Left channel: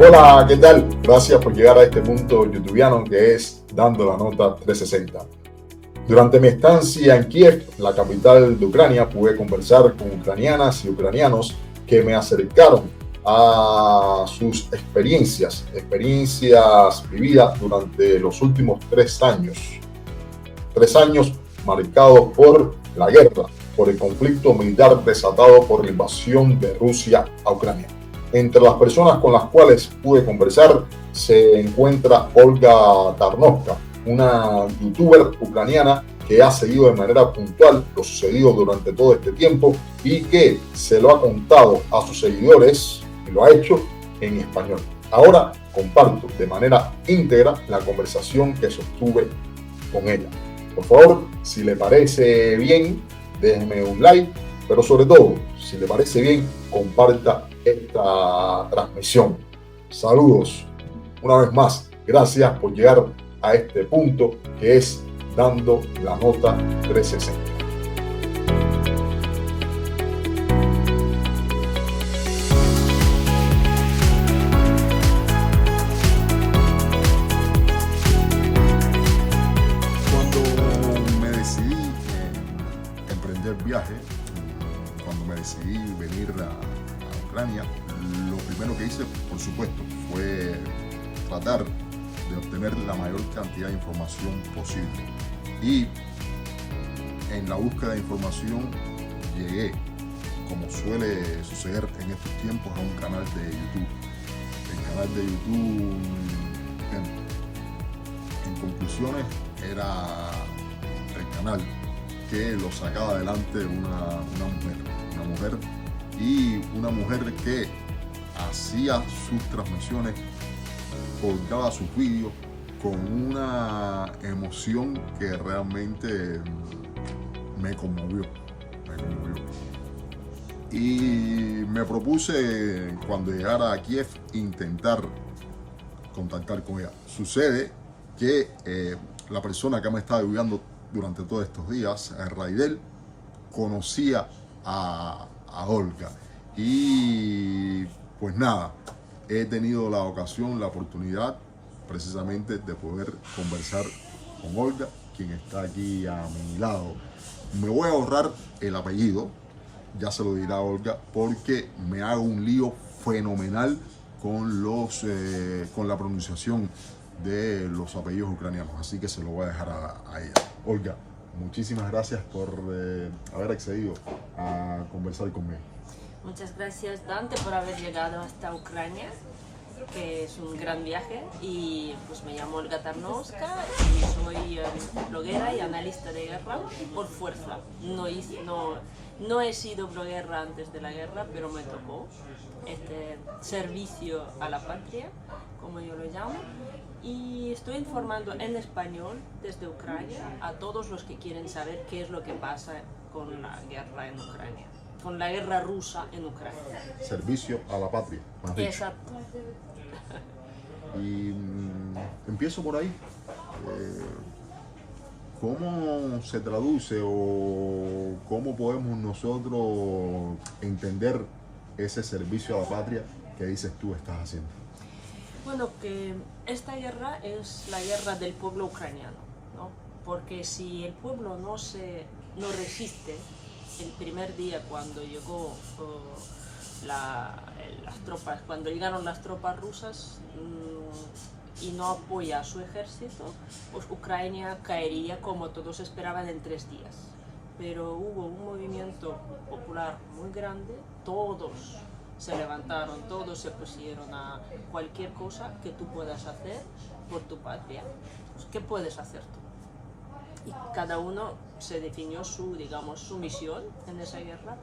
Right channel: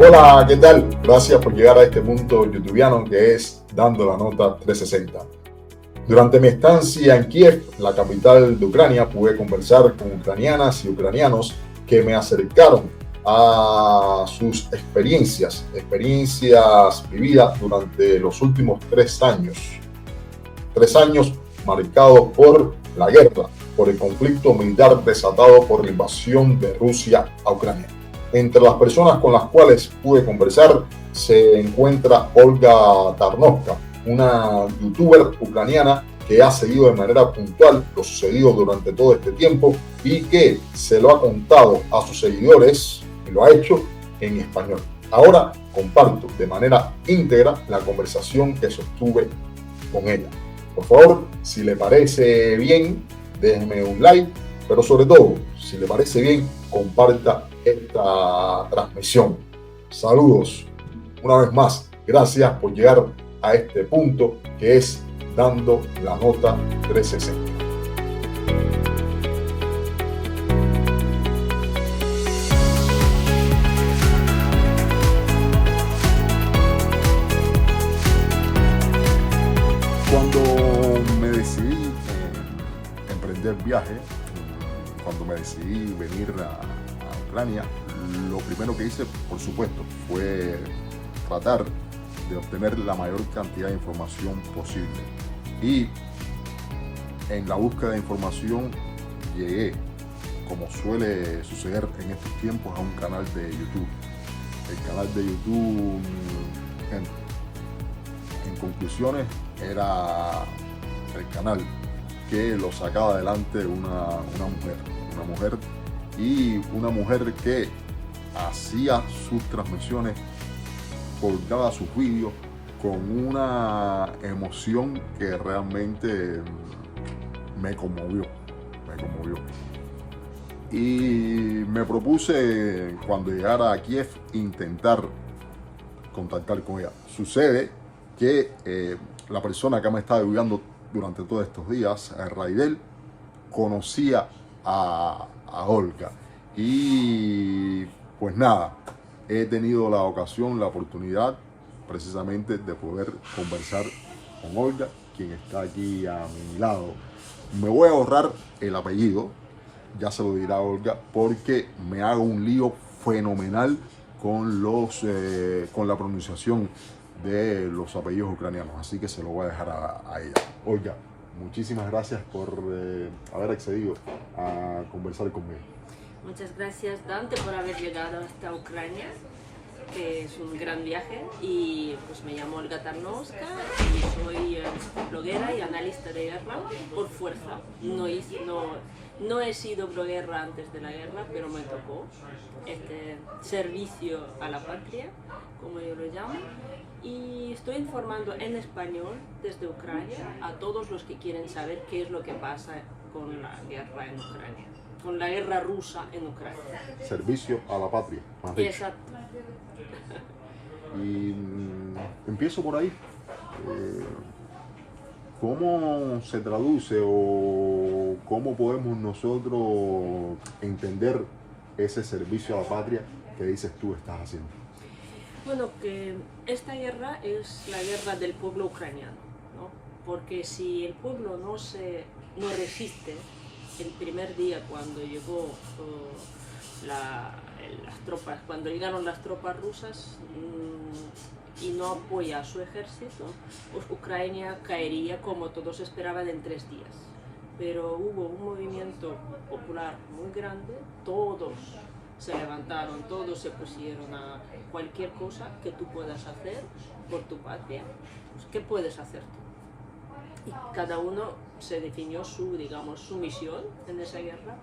Hola, ¿qué tal? Gracias por llegar a este punto youtubiano que es Dando la Nota 360. Durante mi estancia en Kiev, la capital de Ucrania, pude conversar con ucranianas y ucranianos que me acercaron a sus experiencias vividas durante los últimos 3 años. 3 años marcados por la guerra, por el conflicto militar desatado por la invasión de Rusia a Ucrania. Entre las personas con las cuales pude conversar se encuentra Olga Tarnovska, una youtuber ucraniana que ha seguido de manera puntual lo sucedido durante todo este tiempo y que se lo ha contado a sus seguidores y lo ha hecho en español. Ahora comparto de manera íntegra la conversación que sostuve con ella. Por favor, si le parece bien, déjeme un like, pero sobre todo, si le parece bien, comparta esta transmisión. Saludos. Una vez más, gracias por llegar a este punto que es Dando la Nota 360. Cuando me decidí emprender viaje, cuando me decidí venir a Ucrania, lo primero que hice, por supuesto, fue tratar de obtener la mayor cantidad de información posible. Y en la búsqueda de información llegué, como suele suceder en estos tiempos, a un canal de YouTube. El canal de YouTube, en conclusiones, era el canal que lo sacaba adelante una mujer que hacía sus transmisiones, colgaba sus vídeos con una emoción que realmente me conmovió. Y me propuse, cuando llegara a Kiev, intentar contactar con ella. Sucede que la persona que me estaba ayudando durante todos estos días, Raidel, conocía a Olga. Y pues nada, he tenido la ocasión, la oportunidad precisamente de poder conversar con Olga, quien está aquí a mi lado. Me voy a ahorrar el apellido, ya se lo dirá Olga, porque me hago un lío fenomenal con la pronunciación de los apellidos ucranianos, así que se lo voy a dejar a ella. Olga, muchísimas gracias por haber accedido a conversar conmigo. Muchas gracias, Dante, por haber llegado hasta Ucrania, que es un gran viaje. Y pues me llamo Olga Tarnovska y soy bloguera y analista de guerra por fuerza. No he sido bloguera antes de la guerra, pero me tocó este servicio a la patria, como yo lo llamo. Y estoy informando en español desde Ucrania a todos los que quieren saber qué es lo que pasa con la guerra en Ucrania, con la guerra rusa en Ucrania. Servicio a la patria, más dicho. Exacto. Y empiezo por ahí. ¿Cómo se traduce o cómo podemos nosotros entender ese servicio a la patria que dices tú estás haciendo? Bueno, que esta guerra es la guerra del pueblo ucraniano, ¿no? Porque si el pueblo no resiste, el primer día cuando llegó las tropas, cuando llegaron las tropas rusas y no apoya a su ejército, pues Ucrania caería, como todos esperaban, en 3 días. Pero hubo un movimiento popular muy grande, todos se levantaron, todos se pusieron a cualquier cosa que tú puedas hacer por tu patria. Pues, ¿qué puedes hacer tú? Y cada uno se definió su misión en esa guerra.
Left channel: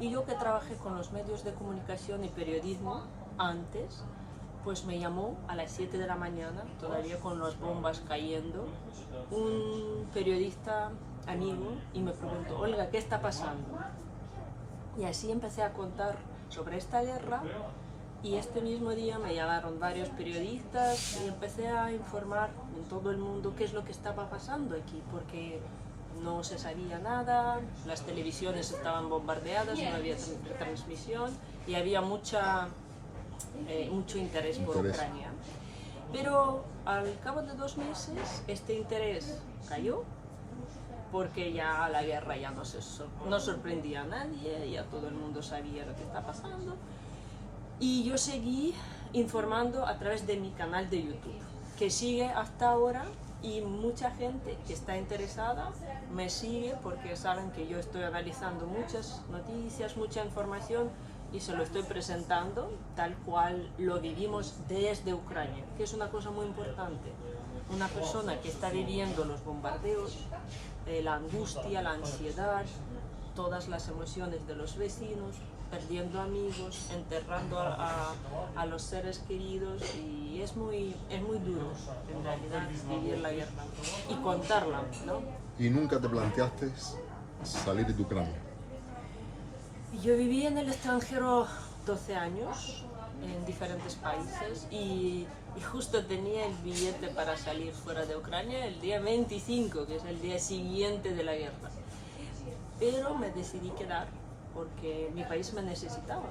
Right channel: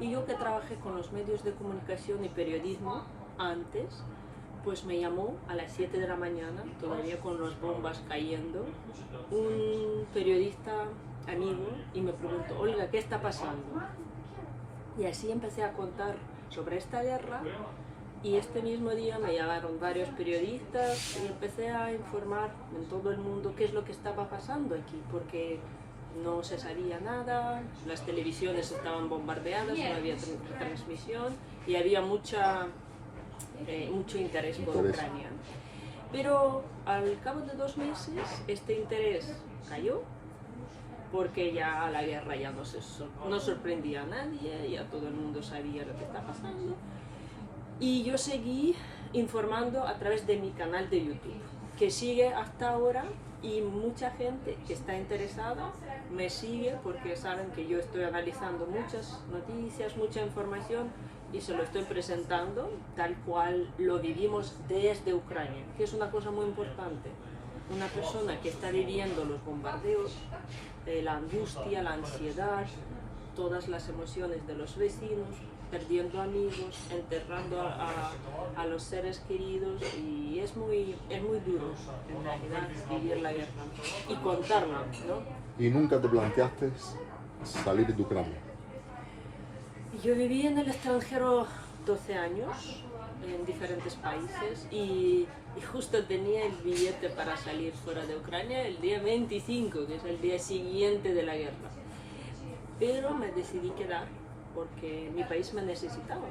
Y yo, que trabajé con los medios de comunicación y periodismo antes, pues me llamó a las 7 de la mañana, todavía con las bombas cayendo, un periodista amigo y me preguntó: Olga, ¿qué está pasando? Y así empecé a contar sobre esta guerra, y este mismo día me llamaron varios periodistas y empecé a informar en todo el mundo qué es lo que estaba pasando aquí, porque no se sabía nada, las televisiones estaban bombardeadas, no había transmisión y había mucha mucho interés por Ucrania. Pero al cabo de 2 meses este interés cayó, porque ya la guerra ya no sorprendía a nadie, ya todo el mundo sabía lo que está pasando. Y yo seguí informando a través de mi canal de YouTube, que sigue hasta ahora, y mucha gente que está interesada me sigue porque saben que yo estoy analizando muchas noticias, mucha información, y se lo estoy presentando tal cual lo vivimos desde Ucrania, que es una cosa muy importante. Una persona que está viviendo los bombardeos, la angustia, la ansiedad, todas las emociones de los vecinos, perdiendo amigos, enterrando a los seres queridos, y es muy duro en realidad vivir la guerra y contarla, ¿no? ¿Y nunca te planteaste salir de Ucrania? Yo viví en el extranjero 12 años, en diferentes países, y justo tenía el billete para salir fuera de Ucrania el día 25, que es el día siguiente de la guerra. Pero me decidí quedar porque mi país me necesitaba.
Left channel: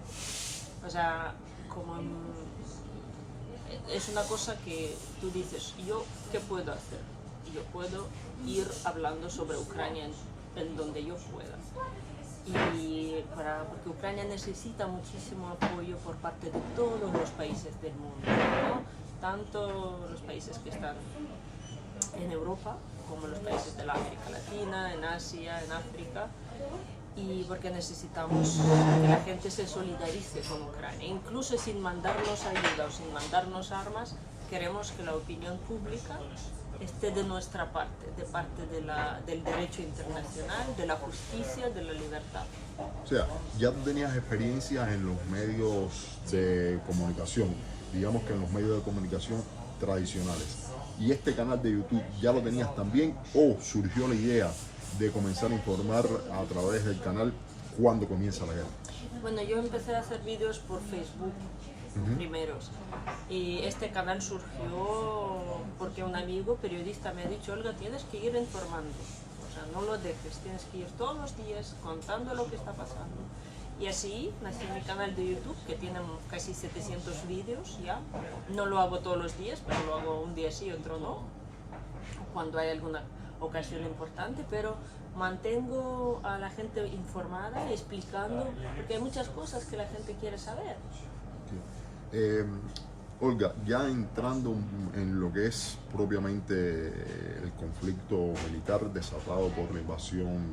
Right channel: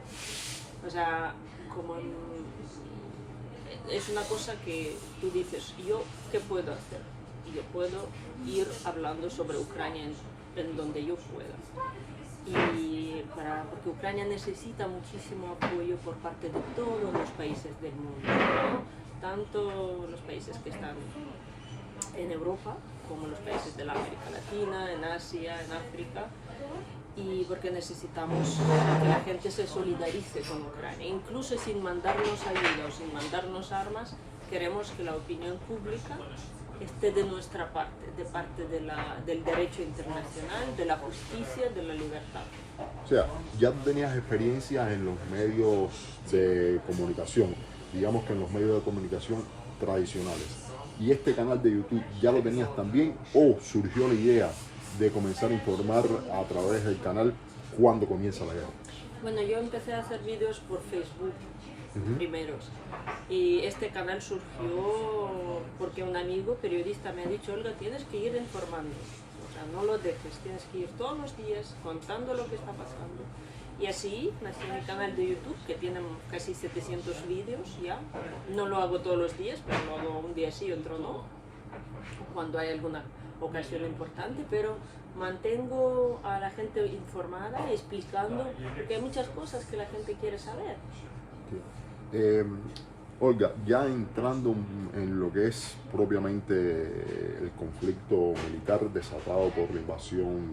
O sea, es una cosa que tú dices, ¿yo qué puedo hacer? Yo puedo ir hablando sobre Ucrania en donde yo pueda. Porque Ucrania necesita muchísimo apoyo por parte de todos los países del mundo, ¿no? Tanto los países que están en Europa como los países de la América Latina, en Asia, en África, y porque necesitamos que la gente se solidarice con Ucrania, incluso sin mandarnos ayuda o sin mandarnos armas. Queremos que la opinión pública esté de nuestra parte, de parte del derecho internacional, de la justicia, de la libertad. O sea, ya tenías experiencia en los medios de comunicación, digamos que en los medios de comunicación tradicionales. ¿Y este canal de YouTube ya lo tenías también, o surgió la idea de comenzar a informar a través del canal cuando comienza la guerra? Bueno, yo empecé a hacer vídeos por Facebook primeros, y este canal surgió porque un amigo periodista me ha dicho: Olga, tienes que ir informando, o sea, no lo dejes, tienes que ir todos los días contando lo que está pasando. Y así nació mi canal de YouTube, que tiene casi 700 vídeos ya. No lo hago todos los días, pero lo hago un día sí, otro no, cuando hay alguna ocasión importante, pero mantengo a la gente informada y explicando, porque hay muchas cosas que la gente quiere saber. Olga, ya entrando en lo que es propiamente el conflicto militar desatado por la invasión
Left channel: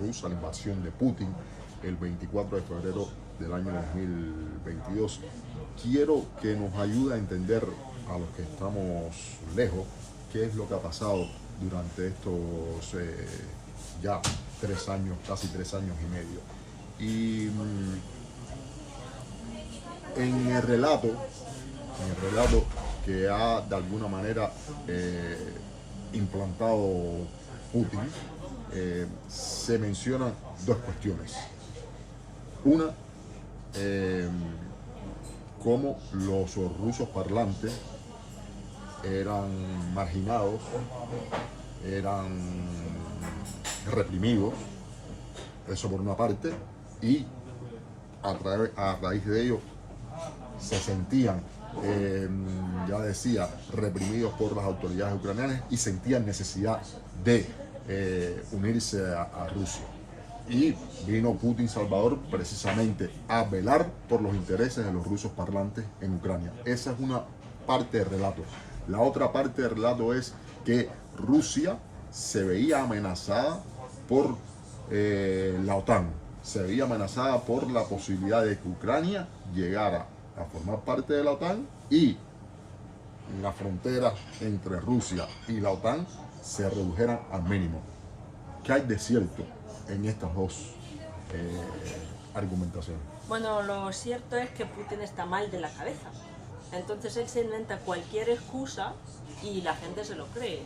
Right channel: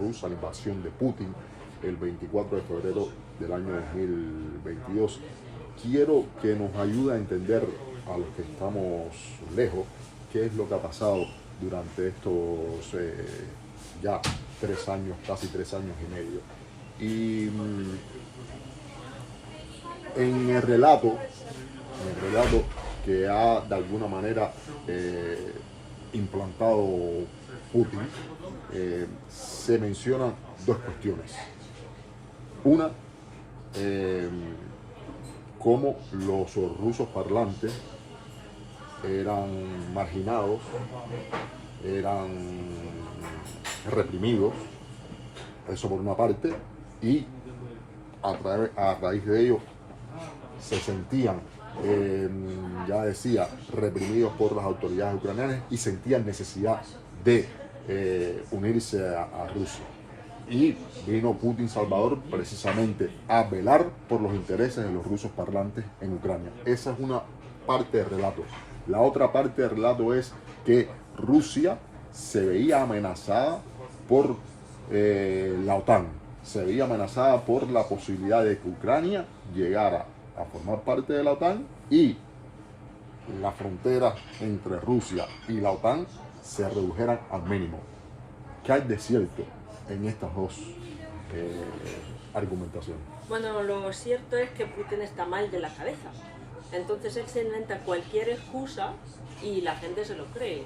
rusa, la invasión de Putin, el 24 de febrero del año 2022, quiero que nos ayude a entender, a los que estamos lejos, qué es lo que ha pasado durante estos ya 3 años, casi 3 años y medio. Y en el relato que ha de alguna manera implantado Putin, se mencionan 2 cuestiones. Una, cómo los rusos parlantes eran marginados, eran reprimidos, eso por una parte, y a raíz de ello se sentían, ya decía, reprimidos por las autoridades ucranianas y sentían necesidad de unirse a Rusia. Y vino Putin Salvador precisamente a velar por los intereses de los rusos parlantes en Ucrania. Esa es una parte del relato. La otra parte del relato es que Rusia se veía amenazada por la OTAN, se veía amenazada por la posibilidad de que Ucrania llegara a formar parte de la OTAN y las fronteras entre Rusia y la OTAN se redujeran al mínimo. ¿Qué hay de cierto en estas 2 argumentaciones? Bueno, lo cierto es que Putin está mal de la cabeza. Entonces él se inventa cualquier excusa y la gente se lo cree.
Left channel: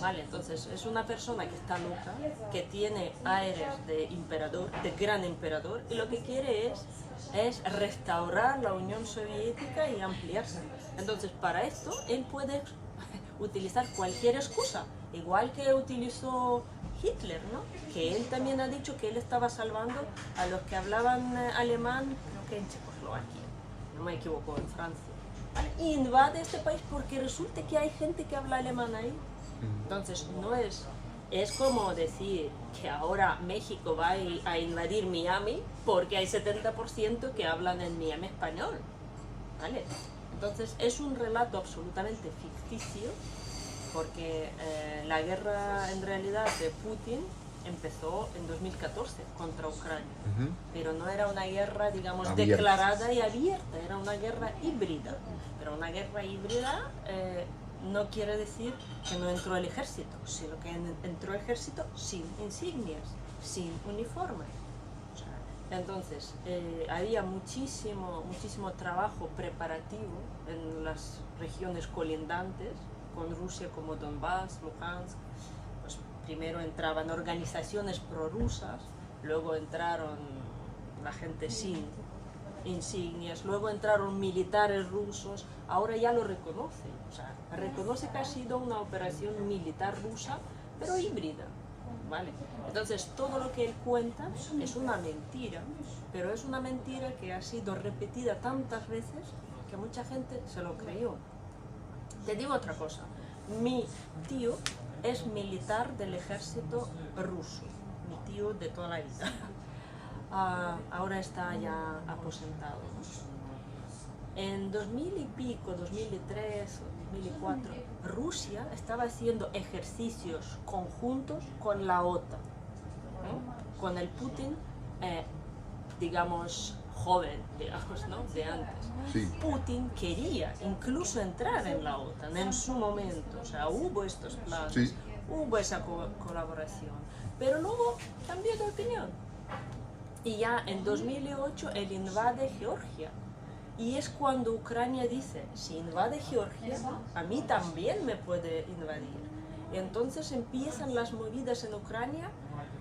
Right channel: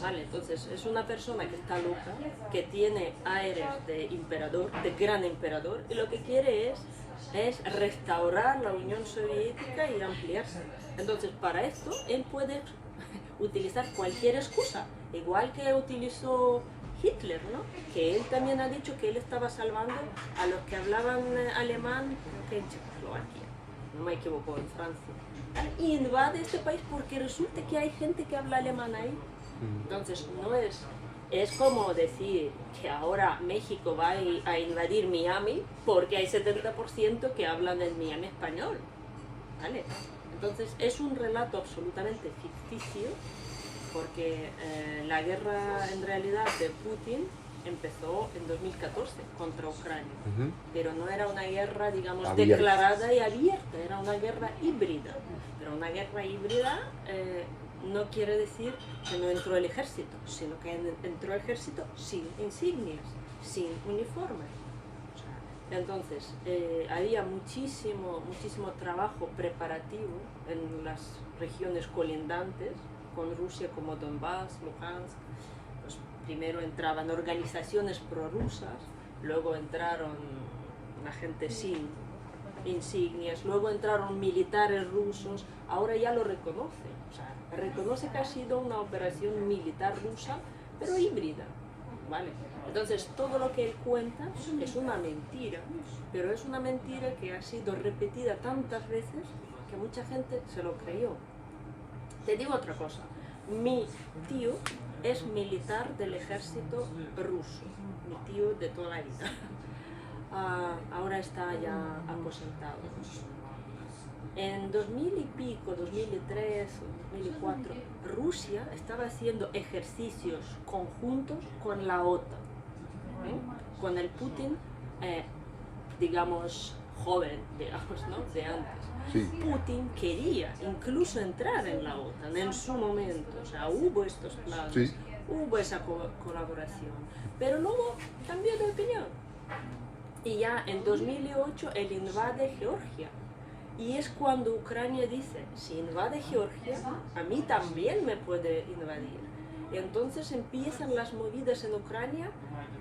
Vale, entonces es una persona que está loca, que tiene aires de emperador, de gran emperador, y lo que quiere es restaurar la Unión Soviética y ampliarse. Entonces para esto él puede utilizar cualquier excusa, igual que utilizó Hitler, ¿no? Que él también ha dicho que él estaba salvando a los que hablaban alemán en Checoslovaquia. no me equivoco, en Francia. ¿Vale? Y invade este país porque resulta que hay gente que habla alemán ahí. Entonces, no es como decir que ahora México va a invadir Miami porque hay 70% que hablan en Miami español. ¿Vale? Entonces, es un relato absolutamente ficticio porque la guerra en realidad de Putin empezó en 2014 contra Ucrania, pero no era una guerra, digamos, abierta, declarada y abierta, era una guerra híbrida. Pero una guerra híbrida no quiere decir que no entró el ejército, sino que entró el ejército sin insignias, sin uniformes. O sea, entonces, había muchísimo trabajo preparativo en las regiones colindantes con Rusia, como Donbass, Luhansk. Pues primero entraban organizaciones prorrusas, luego entraron la gente sin insignias, luego entraron militares rusos, ahora ya lo reconoce, o sea, reconoce que ha sido una operación militar rusa, pero híbrida, ¿vale? Entonces todo lo que él cuenta es una mentira, pero es una mentira que ha sido repetida tantas veces que mucha gente se lo creyó. Te digo otra cosa, mi tío es militar del ejército ruso, mi tío de toda la vida. Ahora está ya aposentado. En 2000 y pico, 2003 o 2004, Rusia estaba haciendo ejercicios conjuntos con la OTAN, con el Putin, digamos, joven, digamos, ¿no? De antes. Sí. Putin quería incluso entrar en la OTAN en su momento, o sea, hubo estos planes, Sí. hubo esa colaboración, pero luego cambió de opinión. Y ya en 2008 él invade Georgia. Y es cuando Ucrania dice, si invade Georgia, a mí también me puede invadir. Y entonces empiezan las movidas en Ucrania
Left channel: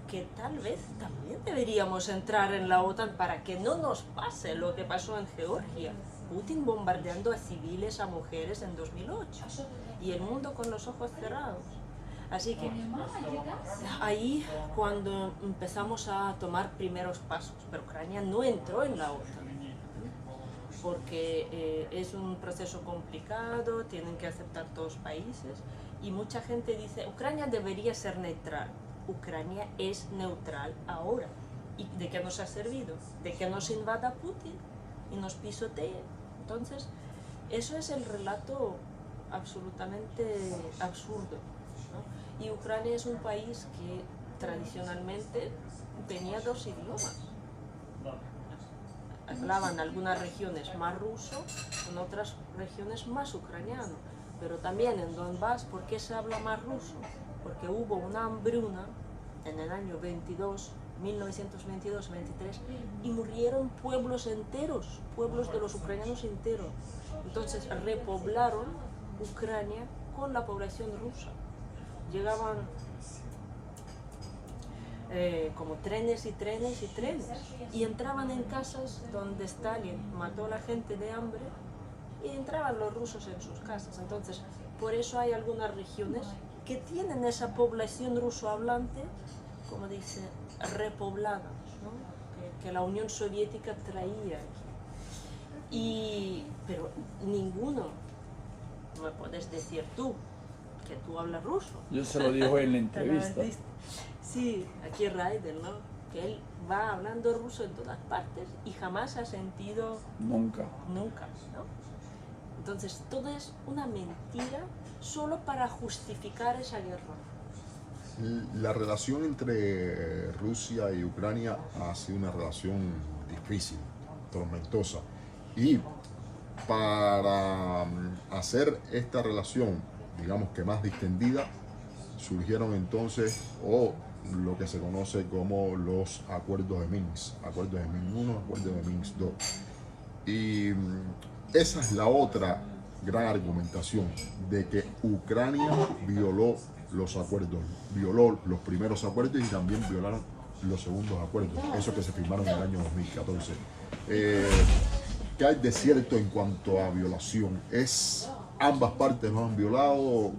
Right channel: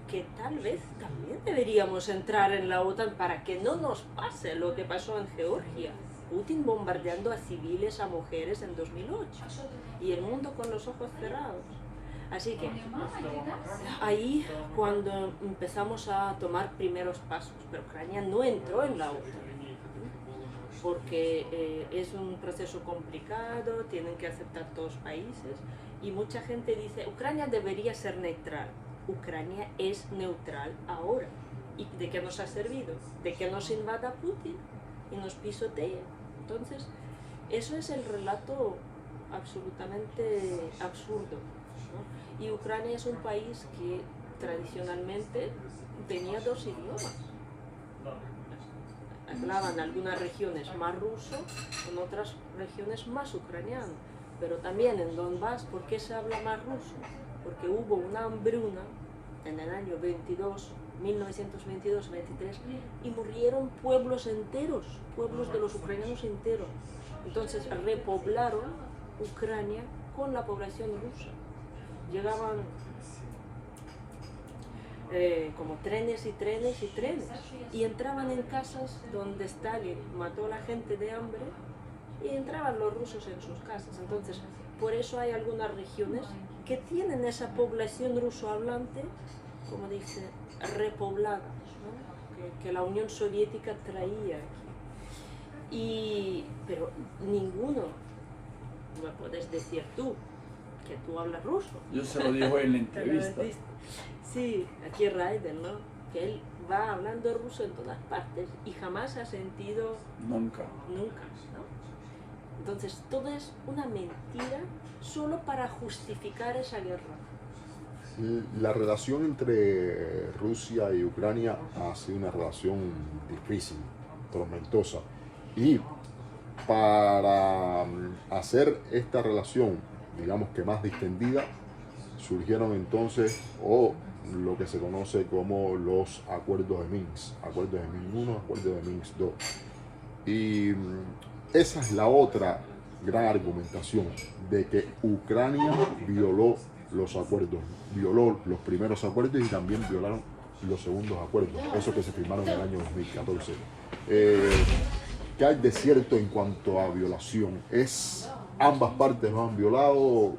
que tal vez también deberíamos entrar en la OTAN para que no nos pase lo que pasó en Georgia. Putin bombardeando a civiles, a mujeres en 2008. Y el mundo con los ojos cerrados. Así que ahí cuando empezamos a tomar primeros pasos, pero Ucrania no entró en la OTAN, porque es un proceso complicado, tienen que aceptar todos los países y mucha gente dice, Ucrania debería ser neutral. Ucrania es neutral ahora. ¿Y de qué nos ha servido? De que nos invada Putin y nos pisotee. Entonces, eso es el relato absolutamente absurdo, ¿no? Y Ucrania es un país que tradicionalmente tenía dos idiomas. Hablaban algunas regiones más ruso, en otras regiones más ucraniano. Pero también en Donbass, ¿por qué se habla más ruso? Porque hubo una hambruna en el año 1922-23, y murieron pueblos enteros, pueblos de los ucranianos enteros. Entonces repoblaron Ucrania con la población rusa. Llegaban como trenes y trenes y trenes, y entraban en casas donde Stalin mató a la gente de hambre, y entraban los rusos en sus casas. Entonces, por eso hay algunas regiones que tienen esa población ruso hablante, como dice, repoblada, ¿no? que la Unión Soviética traía aquí. Pero ninguno, me puedes decir tú, que tú hablas ruso. Yo se lo digo en la entrevista. Sí, aquí Raiden, ¿no? Que él va hablando ruso en todas partes y jamás ha sentido... Nunca, ¿no? Entonces, todo es una mentira solo para justificar esa guerra. La relación entre Rusia y Ucrania ha sido una relación difícil, tormentosa. Y para hacer esta relación, digamos que más distendida, surgieron entonces lo que se conoce como los acuerdos de Minsk, acuerdos de Minsk 1, acuerdos de Minsk 2. Y esa es la otra gran argumentación, de que Ucrania violó los acuerdos, violó los primeros acuerdos y también violaron los segundos acuerdos, esos que se firmaron en el año 2014. ¿Qué hay de cierto en cuanto a violación? ¿Es ambas partes lo han violado?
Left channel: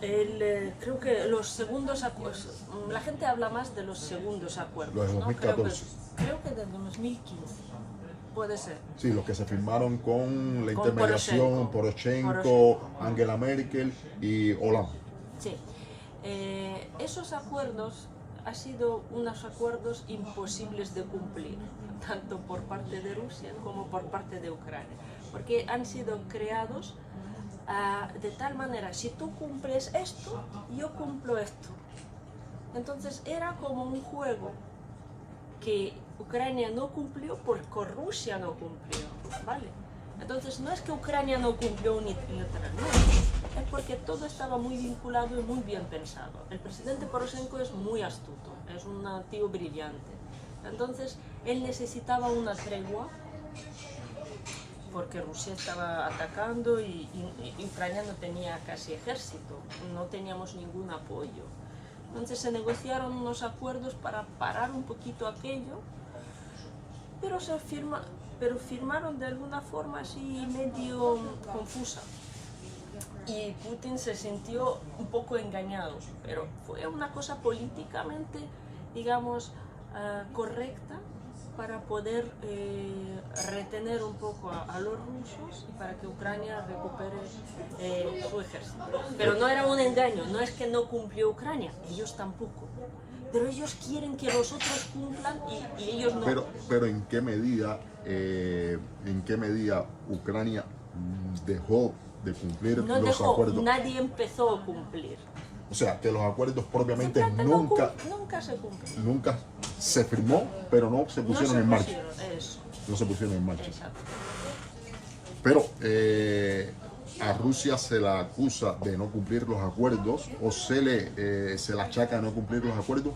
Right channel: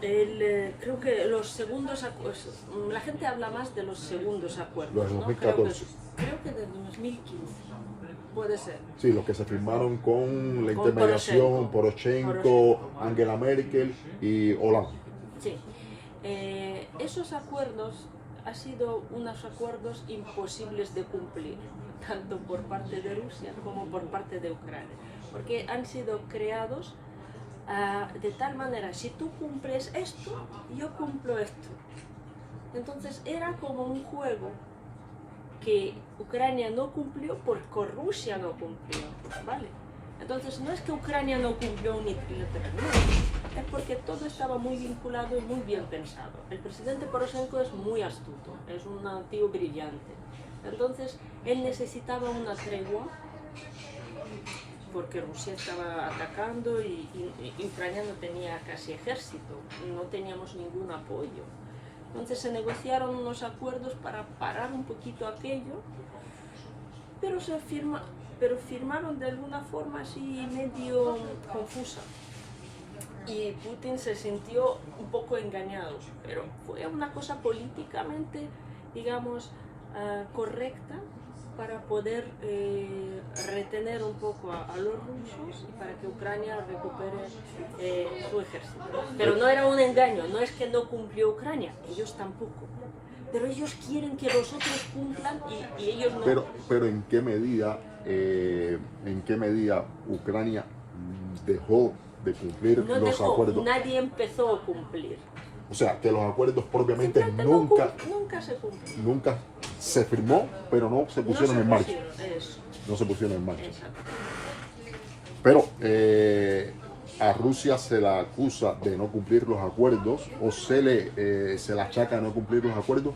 Creo que los segundos acuerdos, la gente habla más de los segundos acuerdos, Los de 2014. ¿no? Creo que de 2015. puede ser. Sí, los que se firmaron con la Con intermediación, Poroshenko, Angela Merkel y Hollande. Sí. Esos acuerdos han sido unos acuerdos imposibles de cumplir, tanto por parte de Rusia como por parte de Ucrania, porque han sido creados de tal manera, si tú cumples esto, yo cumplo esto. Entonces era como un juego que Ucrania no cumplió porque Rusia no cumplió, ¿vale? Entonces no es que Ucrania no cumplió unilateralmente, es porque todo estaba muy vinculado y muy bien pensado. El presidente Poroshenko es muy astuto, es un tío brillante. Entonces él necesitaba una tregua porque Rusia estaba atacando y Ucrania no tenía casi ejército, no teníamos ningún apoyo. Entonces se negociaron unos acuerdos para parar un poquito aquello, pero firmaron de alguna forma así medio confusa. Y Putin se sintió un poco engañado, pero fue una cosa políticamente, digamos, correcta para poder retener un poco a los rusos y para que Ucrania recupere su ejército. Pero no era un engaño, no es que no cumplió Ucrania, ellos tampoco. Pero ellos quieren que los otros cumplan y ellos no. Pero ¿en qué medida Ucrania dejó de cumplir los acuerdos? Nadie empezó a cumplir. O sea, que los acuerdos propiamente nunca se cumplieron. Nunca se firmó, pero no se pusieron en marcha. No se pusieron en marcha. Exacto. Pero a Rusia se la acusa de no cumplir los acuerdos o se la achaca de no cumplir los acuerdos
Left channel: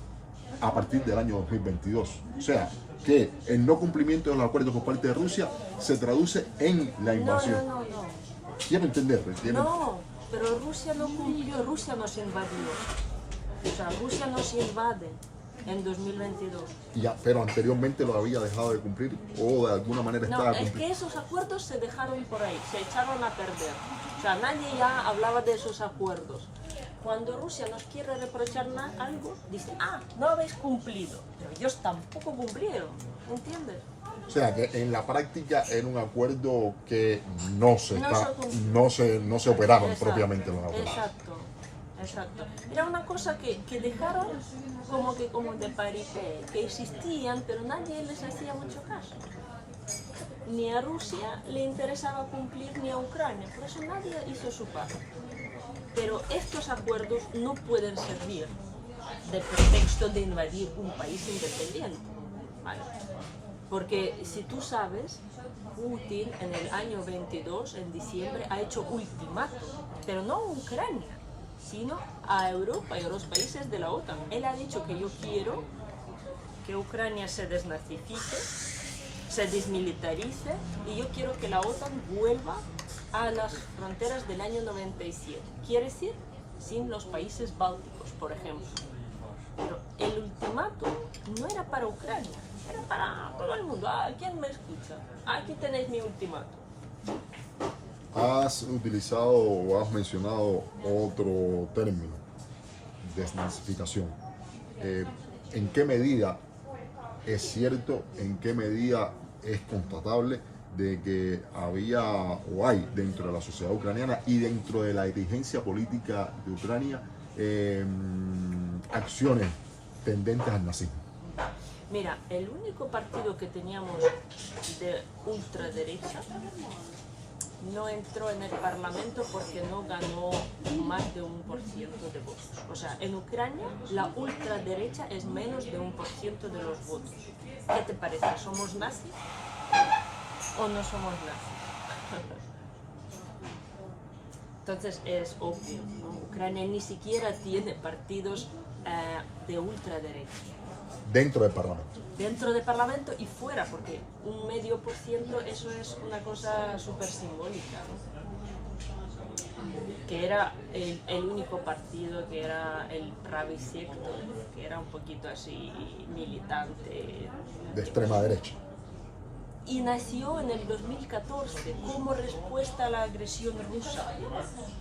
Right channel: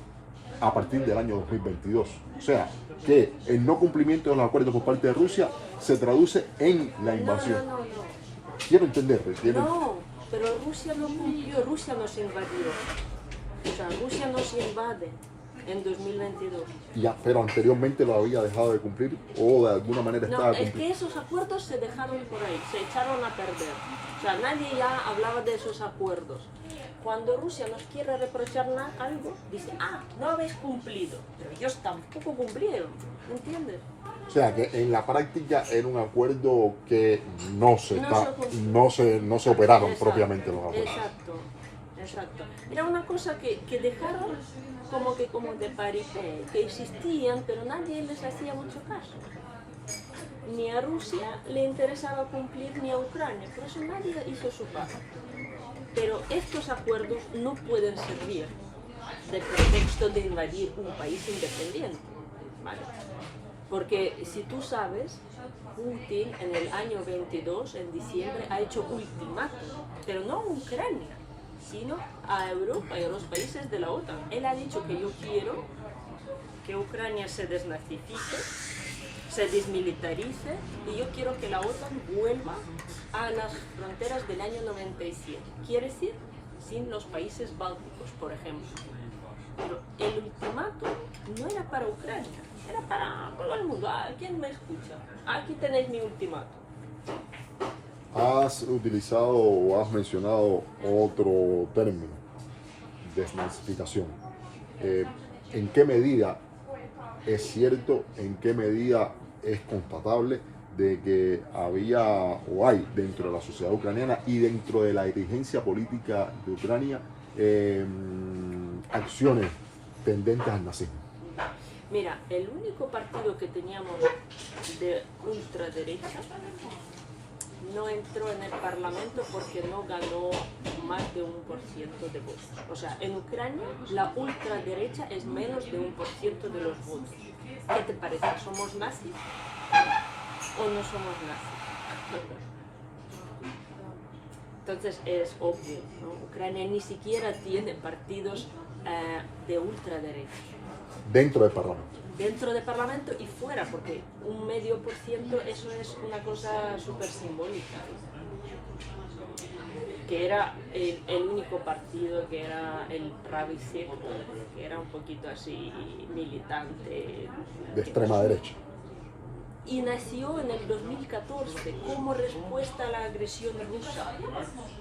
a partir del año 2022. O sea, que el no cumplimiento de los acuerdos por parte de Rusia se traduce en la invasión. No. Quiero entender. No, pero Rusia no cumplió, Rusia nos invadió. O sea, Rusia nos invade en 2022. Ya, pero anteriormente lo había dejado de cumplir o de alguna manera estaba cumpliendo. Es que esos acuerdos se dejaron por ahí, se echaron a perder. O sea, nadie ya hablaba de esos acuerdos. Cuando Rusia nos quiere reprochar algo, dice, no habéis cumplido. Pero ellos tampoco cumplieron, ¿entiendes? O sea, que en la práctica era un acuerdo que no se operaron. Exacto, propiamente los acuerdos. Exacto. Era una cosa que dejaron como de paripé, que existían, pero nadie les hacía mucho caso. Ni a Rusia le interesaba cumplir, ni a Ucrania, por eso nadie hizo su parte. Pero estos acuerdos no pueden servir de pretexto de invadir un país independiente, ¿vale? Porque si tú sabes, Putin en el año 22, en diciembre, ha hecho ultimátum, pero no a Ucrania, sino a Europa y a los países de la OTAN. Él ha dicho que yo quiero que Ucrania se desnazifique, se desmilitarice, y yo quiero que la OTAN vuelva a las fronteras del año 97. Quiere decir, sin los países bálticos, por ejemplo. Pero el ultimátum no era para Ucrania, era para todo el mundo. ¿Quién me escucha? Aquí tenéis mi ultimátum. Has utilizado o has mencionado otro término, desnazificación. ¿En qué medida es cierto, en qué medida es constatable de que había o hay dentro de la sociedad ucraniana y dentro de la dirigencia política de Ucrania acciones tendentes al nazismo? Mira, el único partido que teníamos de ultraderecha no entró en el Parlamento porque no ganó más de 1% de votos. O sea, en Ucrania la ultraderecha es menos de 1% de los votos. ¿Qué te parece? ¿Somos nazis o no somos nazis? Entonces es obvio, ¿no? Ucrania ni siquiera tiene partidos de ultraderecha. Dentro del Parlamento. Dentro del Parlamento y fuera, porque 0,5% eso es una cosa súper simbólica, ¿no? Que era el único partido que era el Pravý Sektor, que era un poquito así militante. De extrema derecha. Y nació en el 2014 como respuesta a la agresión rusa,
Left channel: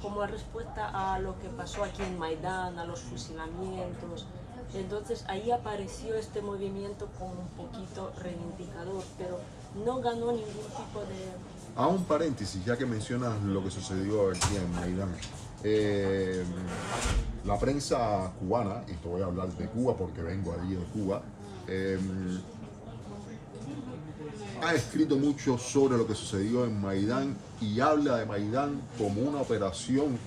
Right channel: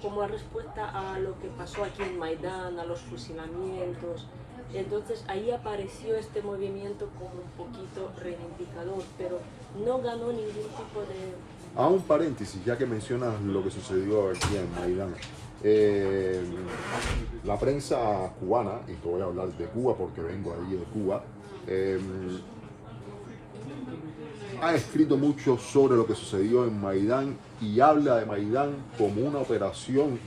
como respuesta a lo que pasó aquí en Maidán, a los fusilamientos. Entonces ahí apareció este movimiento como un poquito reivindicador, pero no ganó ningún tipo de... A un paréntesis, ya que mencionas lo que sucedió aquí en Maidán. La prensa cubana, y te voy a hablar de Cuba porque vengo allí de Cuba, ha escrito mucho sobre lo que sucedió en Maidán y habla de Maidán como una operación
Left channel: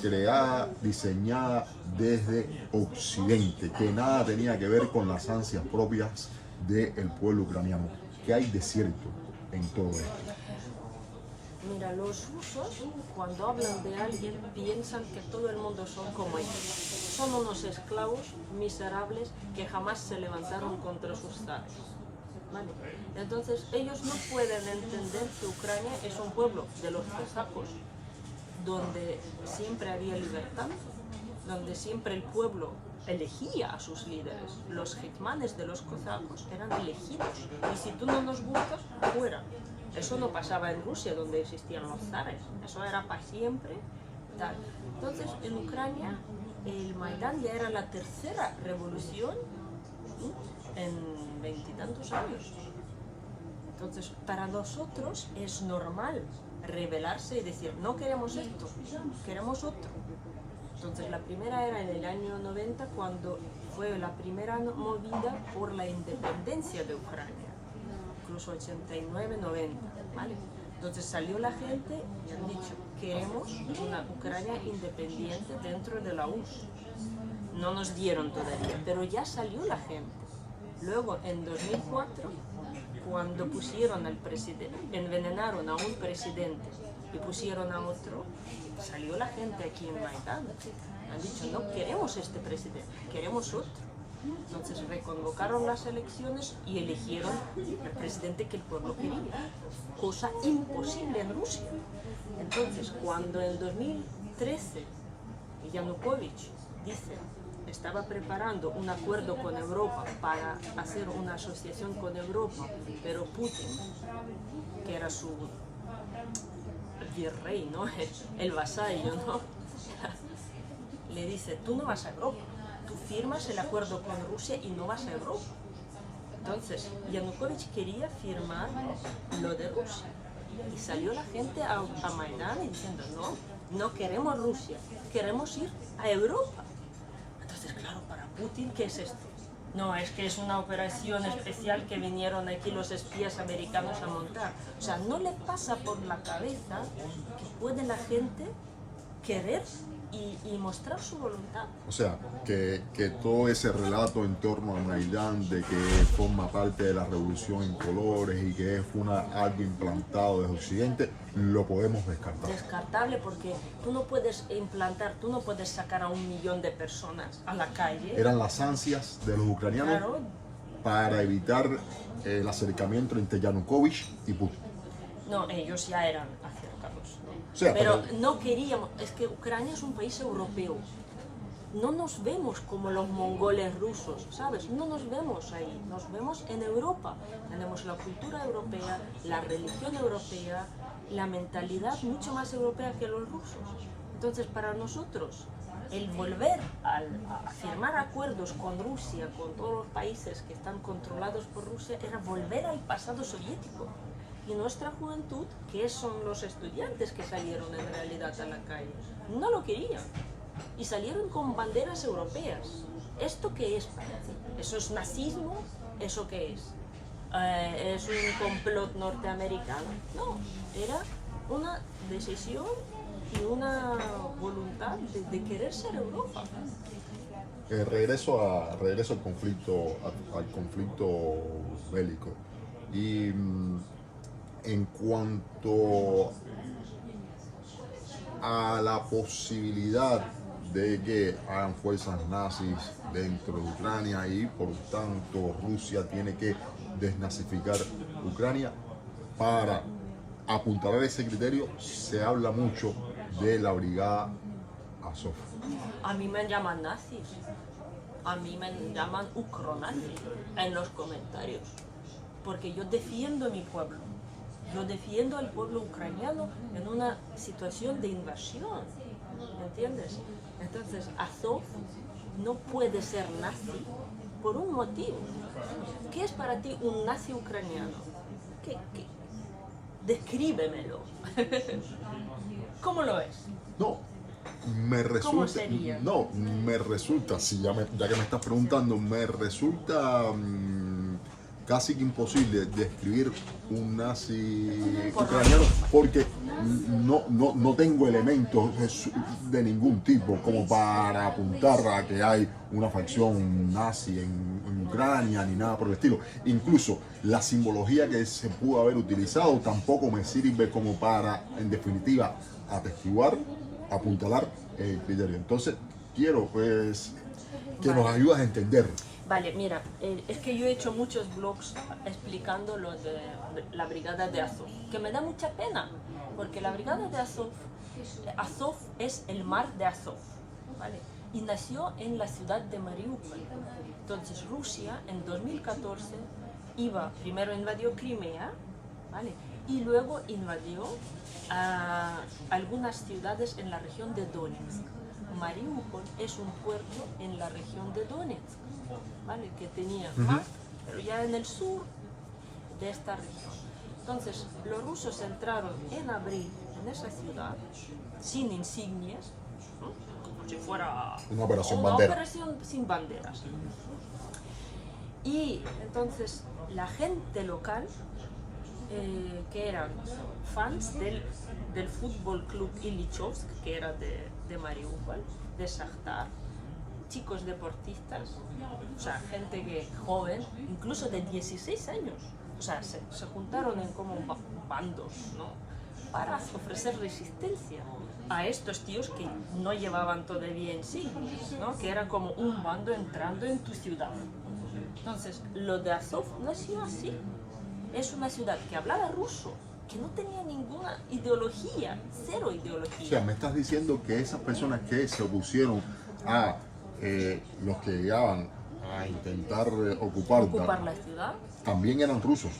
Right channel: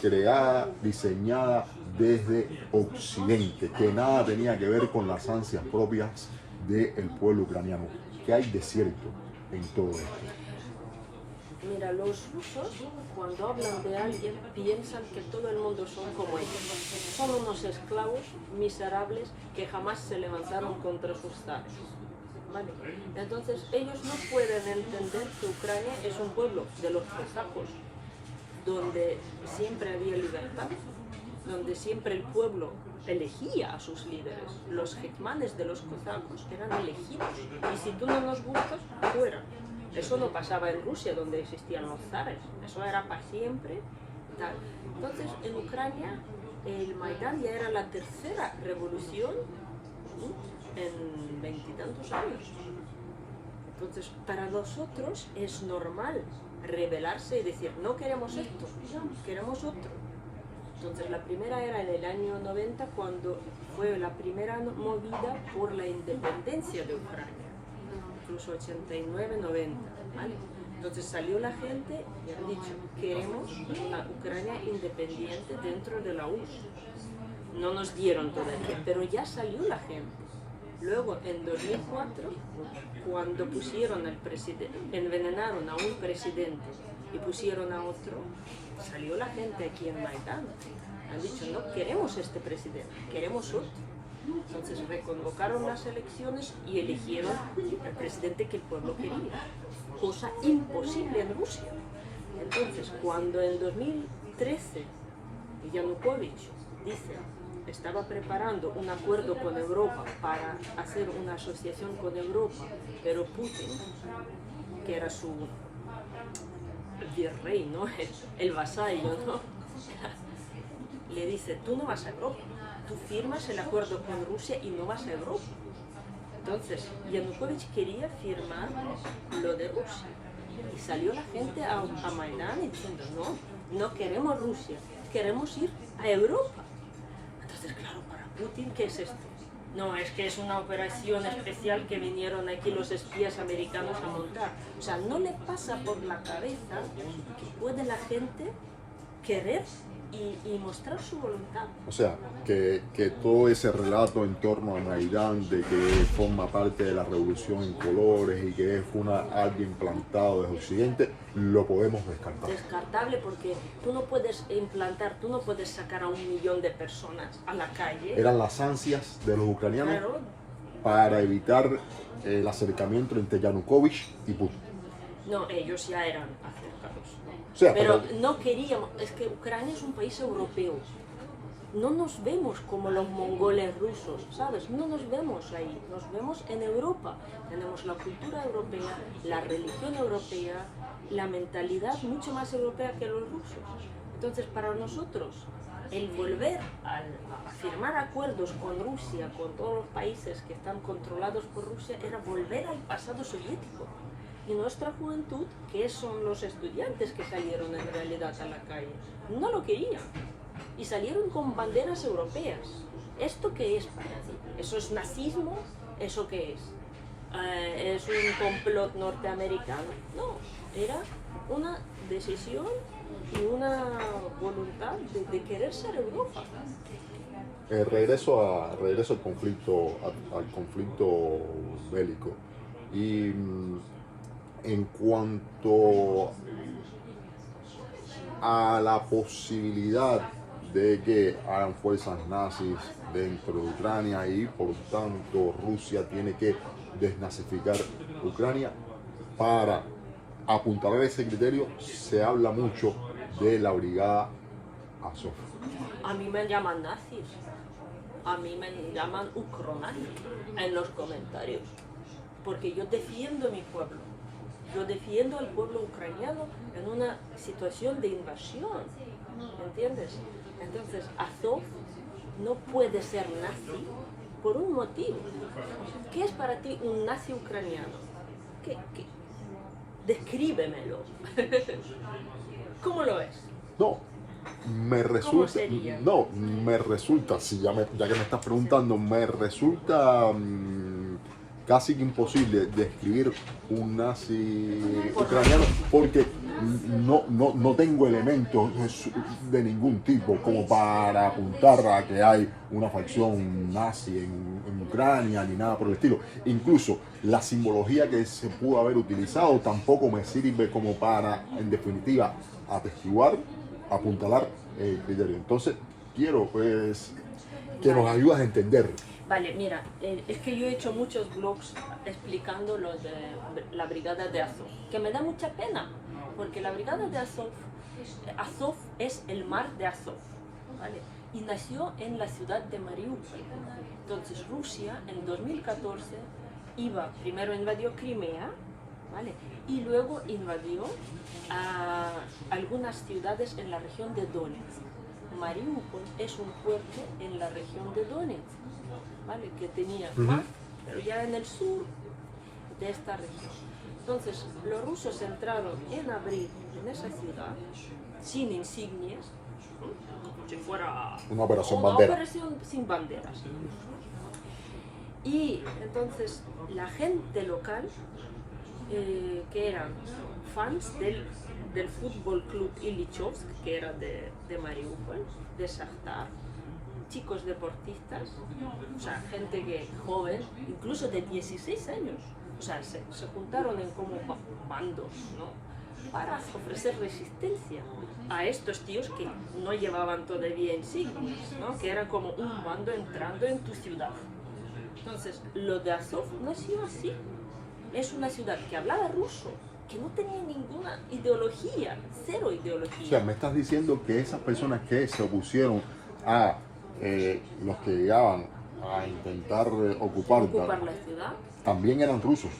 creada, diseñada desde Occidente, que nada tenía que ver con las ansias propias del pueblo ucraniano. ¿Qué hay de cierto en todo esto? Mira, los rusos cuando hablan de alguien piensan que todo el mundo son como ellos. Son unos esclavos miserables que jamás se levantaron contra sus zares. ¿Vale? Entonces ellos no pueden entender que Ucrania es un pueblo de los cosacos, donde siempre había libertad, donde siempre el pueblo elegía a sus líderes. Los hetmanes de los cosacos eran elegidos. Y si tú no nos gustas, fuera. Eso no pasaba en Rusia, donde existían los zares. Eso era para siempre. Tal. Entonces, en Ucrania, el Maidán ya era la tercera revolución en veintitantos años. Entonces, para nosotros es normal rebelarse y decir, no queremos esto, queremos otro. Entonces, la primera era en el año 90, cuando fue la primera movida por la independencia de Ucrania. Incluso 89, 90, ¿vale? Entonces salió la gente y han dicho, queremos una Ucrania independiente dentro de la URSS. No nos dieron todavía, pero ya salió la gente. Luego, en 2004, cuando pusieron al presidente, envenenaron a un presidente y pusieron a otro, salió la gente aquí en Maidán. Han dicho, no queremos este presidente, queremos otro. Entonces reconvocaron las elecciones y eligieron al presidente que el pueblo quería, cosa imposible en Rusia. Entonces, cuando en 2013 Yanukovych dice estaba preparando un acuerdo con Europa para hacer una asociación con Europa, pero Putin, que era su virrey, ¿no? El vasallo, ¿no? Le dice, tú no vas a Europa. Tú firmas el acuerdo con Rusia y no vas a Europa. Entonces, Yanukovych quería firmar lo de Rusia. Y salió la gente a Maidán diciendo, no queremos Rusia, queremos ir a Europa. Entonces, claro, para Putin, ¿qué es esto? No, es que es una operación especial que vinieron aquí los espías americanos a montar. O sea, no le pasa por la cabeza que puede la gente querer y mostrar su voluntad. O sea, que todo ese relato en torno a Maidán de que forma parte de la revolución en colores y que fue algo implantado desde Occidente, lo podemos descartar. Descartable, porque tú no puedes implantar, tú no puedes sacar a 1 millón de personas a la calle. Eran las ansias de los ucranianos, claro, para evitar el acercamiento entre Yanukovych y Putin. No, ellos ya eran acercados, ¿no? O sea, pero no queríamos, es que Ucrania es un país europeo. No nos vemos como los mongoles rusos, ¿sabes? No nos vemos ahí, nos vemos en Europa. Tenemos la cultura europea, la religión europea, la mentalidad mucho más europea que los rusos. Entonces, para nosotros, el volver a firmar acuerdos con Rusia, con todos los países que están controlados por Rusia, era volver al pasado soviético. Y nuestra juventud, que son los estudiantes que salieron en realidad a la calle, no lo querían. Y salieron con banderas europeas. ¿Esto qué es para ti? ¿Eso es nazismo? ¿Eso qué es? ¿Es un complot norteamericano? No, era una decisión y una voluntad de querer ser Europa. Regreso al conflicto bélico. Y en cuanto a la posibilidad de que hagan fuerzas nazis dentro de Ucrania y por tanto Rusia tiene que desnazificar Ucrania, para apuntalar ese criterio se habla mucho de la brigada Azov. A mí me llaman nazis, a mí me llaman ucronazis en los comentarios, porque yo defiendo mi pueblo. Yo defiendo al pueblo ucraniano en una situación de invasión, ¿me entiendes? Entonces, Azov no puede ser nazi por un motivo. ¿Qué es para ti un nazi ucraniano? Descríbemelo. ¿Cómo lo es? No, me resulta, sería? no, me resulta, si ya que me estás preguntando, me resulta casi que imposible describir un nazi ucraniano porque no tengo elementos de ningún tipo como para apuntar a que hay una facción nazi en Ucrania ni nada por el estilo. Incluso la simbología que se pudo haber utilizado tampoco me sirve como para, en definitiva, atestiguar, apuntalar el criterio. Entonces, quiero pues que nos ayudes a entender. Vale, mira, es que yo he hecho muchos blogs explicando lo de la brigada de Azov, que me da mucha pena, porque la brigada de Azov, Azov es el mar de Azov, ¿vale? Y nació en la ciudad de Mariupol. Entonces Rusia en 2014 primero invadió Crimea, ¿vale? Y luego invadió a algunas ciudades en la región de Donetsk. Mariupol es un puerto en la región de Donetsk, ¿vale? Que tenía mar, pero ya en el sur de esta región. Entonces, los rusos entraron en abril en esa ciudad sin insignias, ¿no? Como si fuera una operación una bandera. operación sin banderas. Y entonces la gente local, que eran fans del Fútbol Club Ilyichovsk, que era de Mariupol, de Shakhtar, chicos deportistas, o sea, gente joven, incluso de 16 años, o sea, se juntaron en como bandos, ¿no? Para ofrecer resistencia a estos tíos que no llevaban todavía insignias, ¿no? Que era como un bando entrando en tu ciudad. Entonces, lo de Azov nació así. Es una ciudad que hablaba ruso, que no tenía ninguna ideología, cero ideología. O sea, me estás diciendo que esas personas que se opusieron a los que llegaban a intentar ocupar la ciudad, también eran rusos,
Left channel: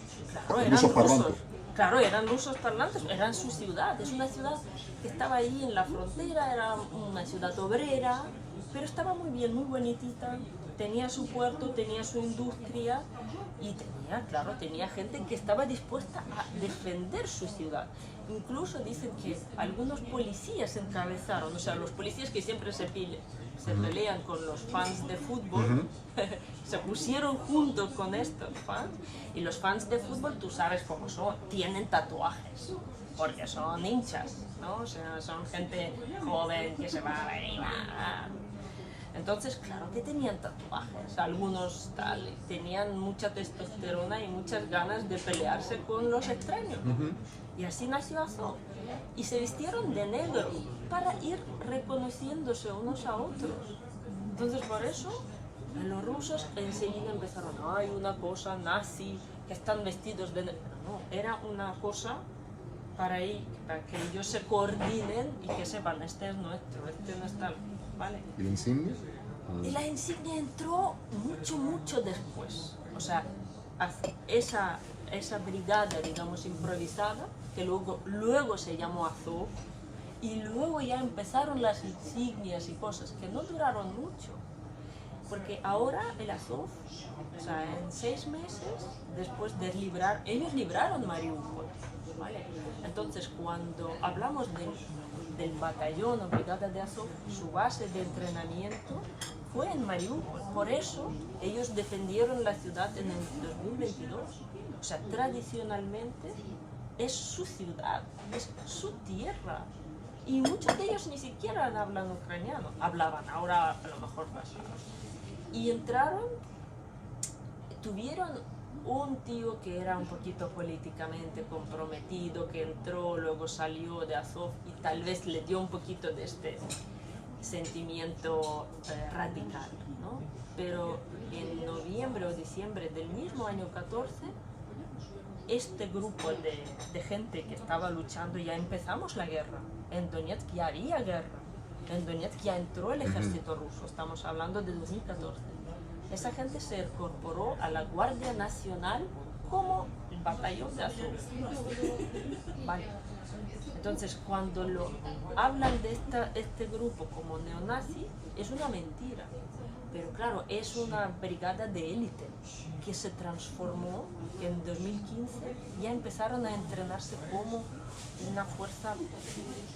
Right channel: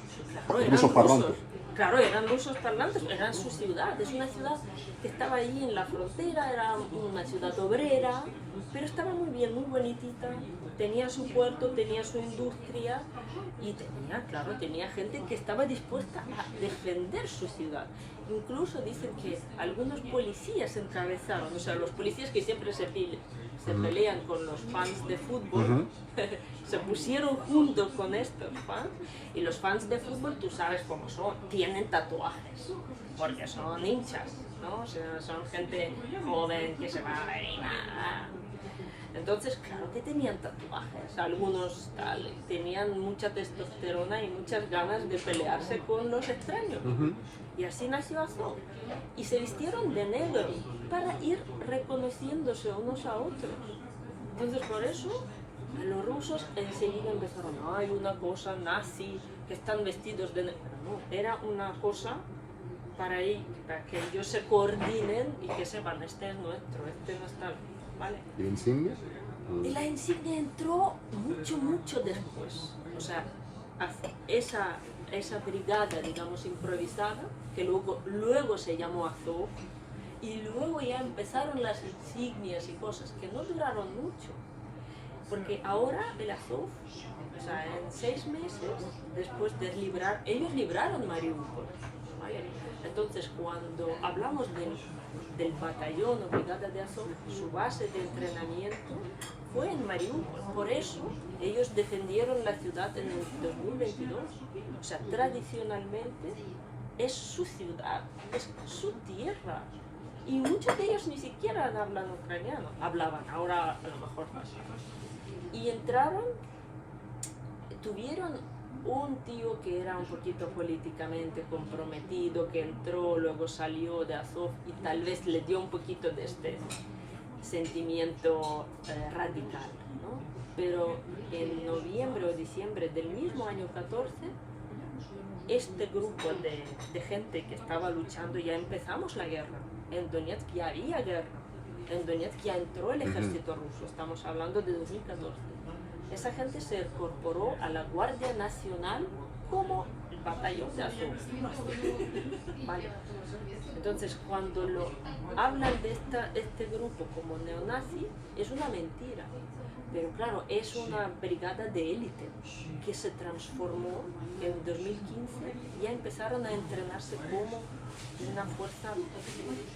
claro, rusos parlantes. Claro, eran rusos parlantes, eran su ciudad. Es una ciudad que estaba ahí en la frontera, era una ciudad obrera, pero estaba muy bien, muy bonitita. Tenía su puerto, tenía su industria y tenía gente que estaba dispuesta a defender su ciudad. Incluso dicen que algunos policías encabezaron, o sea, los policías que siempre se pelean con los fans de fútbol, se pusieron juntos con estos fans, y los fans de fútbol, tú sabes cómo son, tienen tatuajes, porque son hinchas, ¿no? O sea, son gente joven que se va ahí, entonces, claro que tenían tatuajes, algunos tenían mucha testosterona y muchas ganas de pelearse con los extraños. Y así nació Azov. Y se vistieron de negro para ir reconociéndose unos a otros. Entonces, por eso, los rusos enseguida empezaron, hay una cosa nazi, que están vestidos de negro. Pero no, era una cosa para que ellos se coordinen y que sepan, este es nuestro, este no está... ¿Vale? ¿Y la insignia? Y la insignia entró mucho después. O sea, esa brigada, digamos, improvisada, que luego se llamó Azov, y luego ya empezaron las insignias y cosas que no duraron mucho. Porque ahora el Azov, o sea, en 6 meses, después de ellos libraron Mariupol, ¿vale? Entonces, cuando hablamos del batallón o brigada de Azov, su base de entrenamiento fue en Mariupol. Por eso, ellos defendieron la ciudad en el 2022. O sea, tradicionalmente es su ciudad, es su tierra. Y muchos de ellos ni siquiera hablan ucraniano. Hablaban, ahora a lo mejor pasa. Y tuvieron un tío que era un poquito políticamente comprometido, que entró, luego salió de Azov y tal vez le dio un poquito de este sentimiento radical, ¿no? Pero en noviembre o diciembre del mismo año 14, este grupo de gente que estaba luchando, ya empezamos la guerra. En Donetsk ya había guerra. En Donetsk ya entró el ejército ruso, estamos hablando de 2014. Esa gente se incorporó a la Guardia Nacional como el batallón de Azov. Vale. Entonces, cuando hablan de este grupo como neonazi, es una mentira. Pero claro, es una brigada de élite que se transformó en 2015, ya empezaron a entrenarse como una fuerza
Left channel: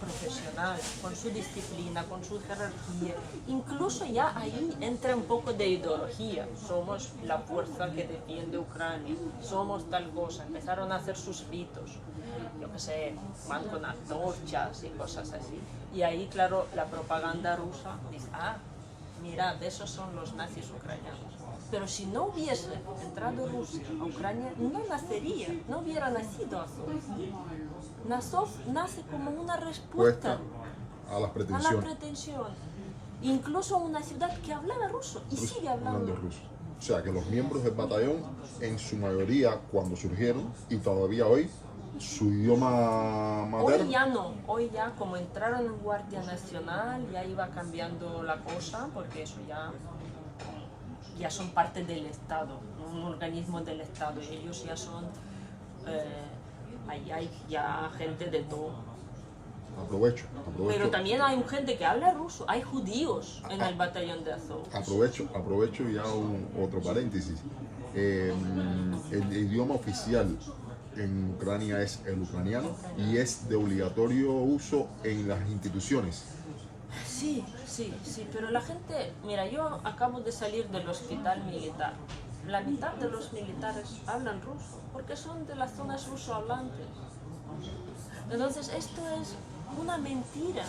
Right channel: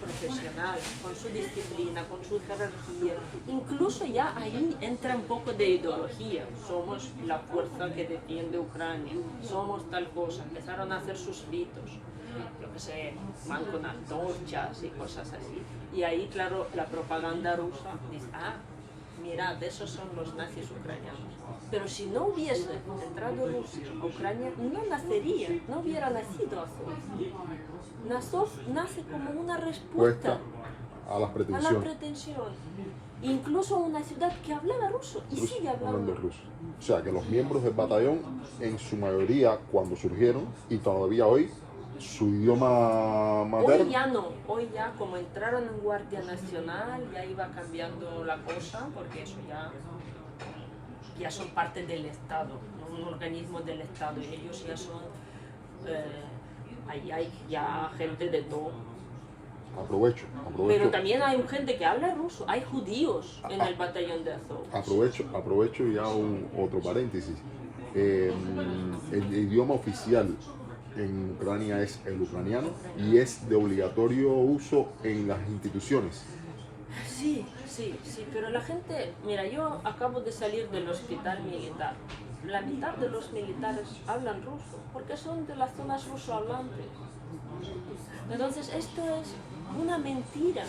profesional, con su disciplina, con su jerarquía. Incluso ya ahí entra un poco de ideología. Somos la fuerza que defiende Ucrania, somos tal cosa. Empezaron a hacer sus ritos, yo que sé, van con antorchas y cosas así. Y ahí, claro, la propaganda rusa dice, mirad, esos son los nazis ucranianos. Pero si no hubiese entrado Rusia a Ucrania, no nacería, no hubiera nacido Azov. Azov nace como una respuesta a las a pretensiones. la pretensión. Incluso una ciudad que hablaba ruso y sigue hablando ruso. O sea que los miembros del batallón, en su mayoría, cuando surgieron, y todavía hoy, su idioma materno. Hoy ya como entraron en Guardia Nacional, ya iba cambiando la cosa, porque eso ya son parte del Estado, ¿no? Un organismo del Estado, y ellos ya son, ahí hay ya gente de todo. Aprovecho. Pero también hay gente que habla ruso, hay judíos en el batallón de Azov. Aprovecho ya otro paréntesis. El idioma oficial en Ucrania es el ucraniano y es de obligatorio uso en las instituciones. Sí, pero la gente, mira, yo acabo de salir del hospital militar. La mitad de los militares hablan ruso, porque son de las zonas rusohablantes. Entonces, esto es una mentira,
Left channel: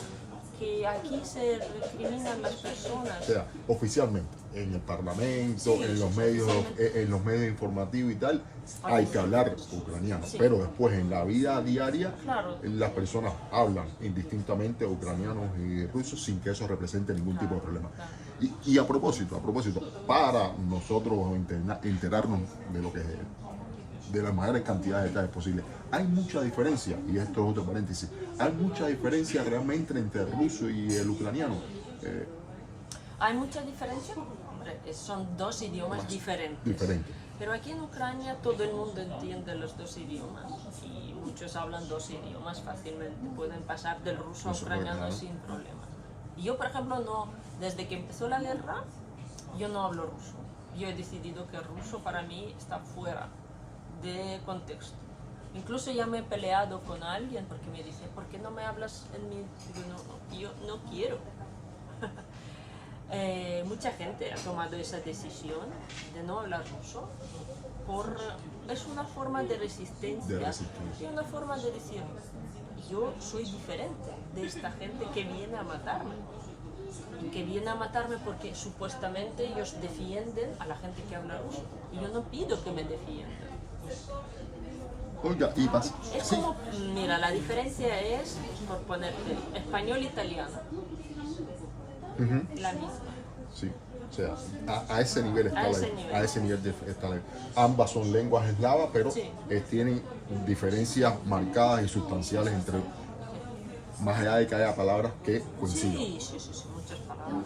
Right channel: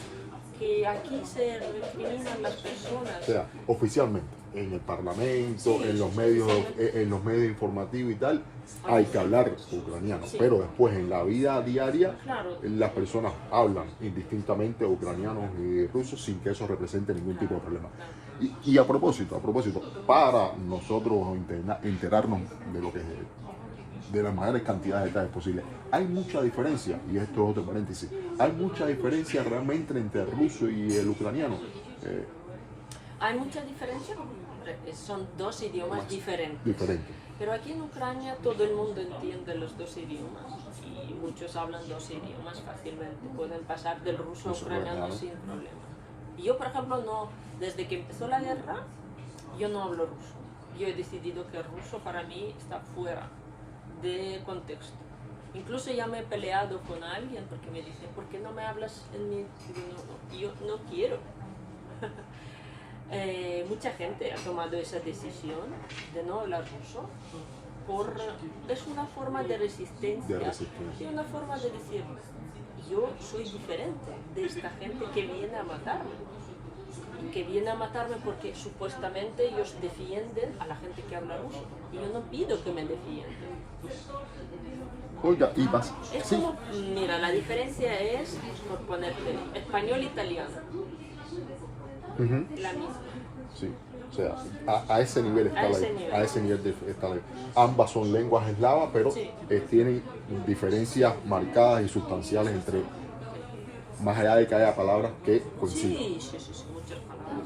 que aquí se recriminan las personas. O sea, oficialmente, en el Parlamento, en los medios informativos y tal, hay que hablar ucraniano, pero después en la vida diaria, las personas hablan indistintamente ucranianos y rusos sin que eso represente ningún tipo de problema. Y a propósito, para nosotros enterarnos de lo que de las mayores cantidades de detalles posibles, hay mucha diferencia, y esto es otro paréntesis, hay mucha diferencia realmente entre el ruso y el ucraniano. Hay mucha diferencia, son dos idiomas diferentes. Pero aquí en Ucrania todo el mundo entiende los dos idiomas y muchos hablan dos idiomas fácilmente. Pueden pasar del ruso a ucraniano sin problema. Y yo, por ejemplo, no, desde que empezó la guerra, yo no hablo ruso. Yo he decidido que el ruso para mí está fuera de contexto. Incluso ya me he peleado con alguien porque me dice, ¿por qué no me hablas en mi...? Yo no quiero. Mucha gente ha tomado esa decisión de no hablar ruso. Es una forma de resistencia y una forma de decir, yo soy diferente de esta gente que viene a matarme. Y que viene a matarme porque supuestamente ellos defienden a la gente que habla ruso. Y yo no pido que me defiendan. Oiga, y más. Es como, mira, la diferencia es, por ponerte, español-italiano. La misma. Sí, o sea, a ese nivel está la. Ambas son lenguas eslavas, pero tienen diferencias marcadas y sustanciales entre, más allá de que haya palabras que coincidan. Sí, muchas palabras.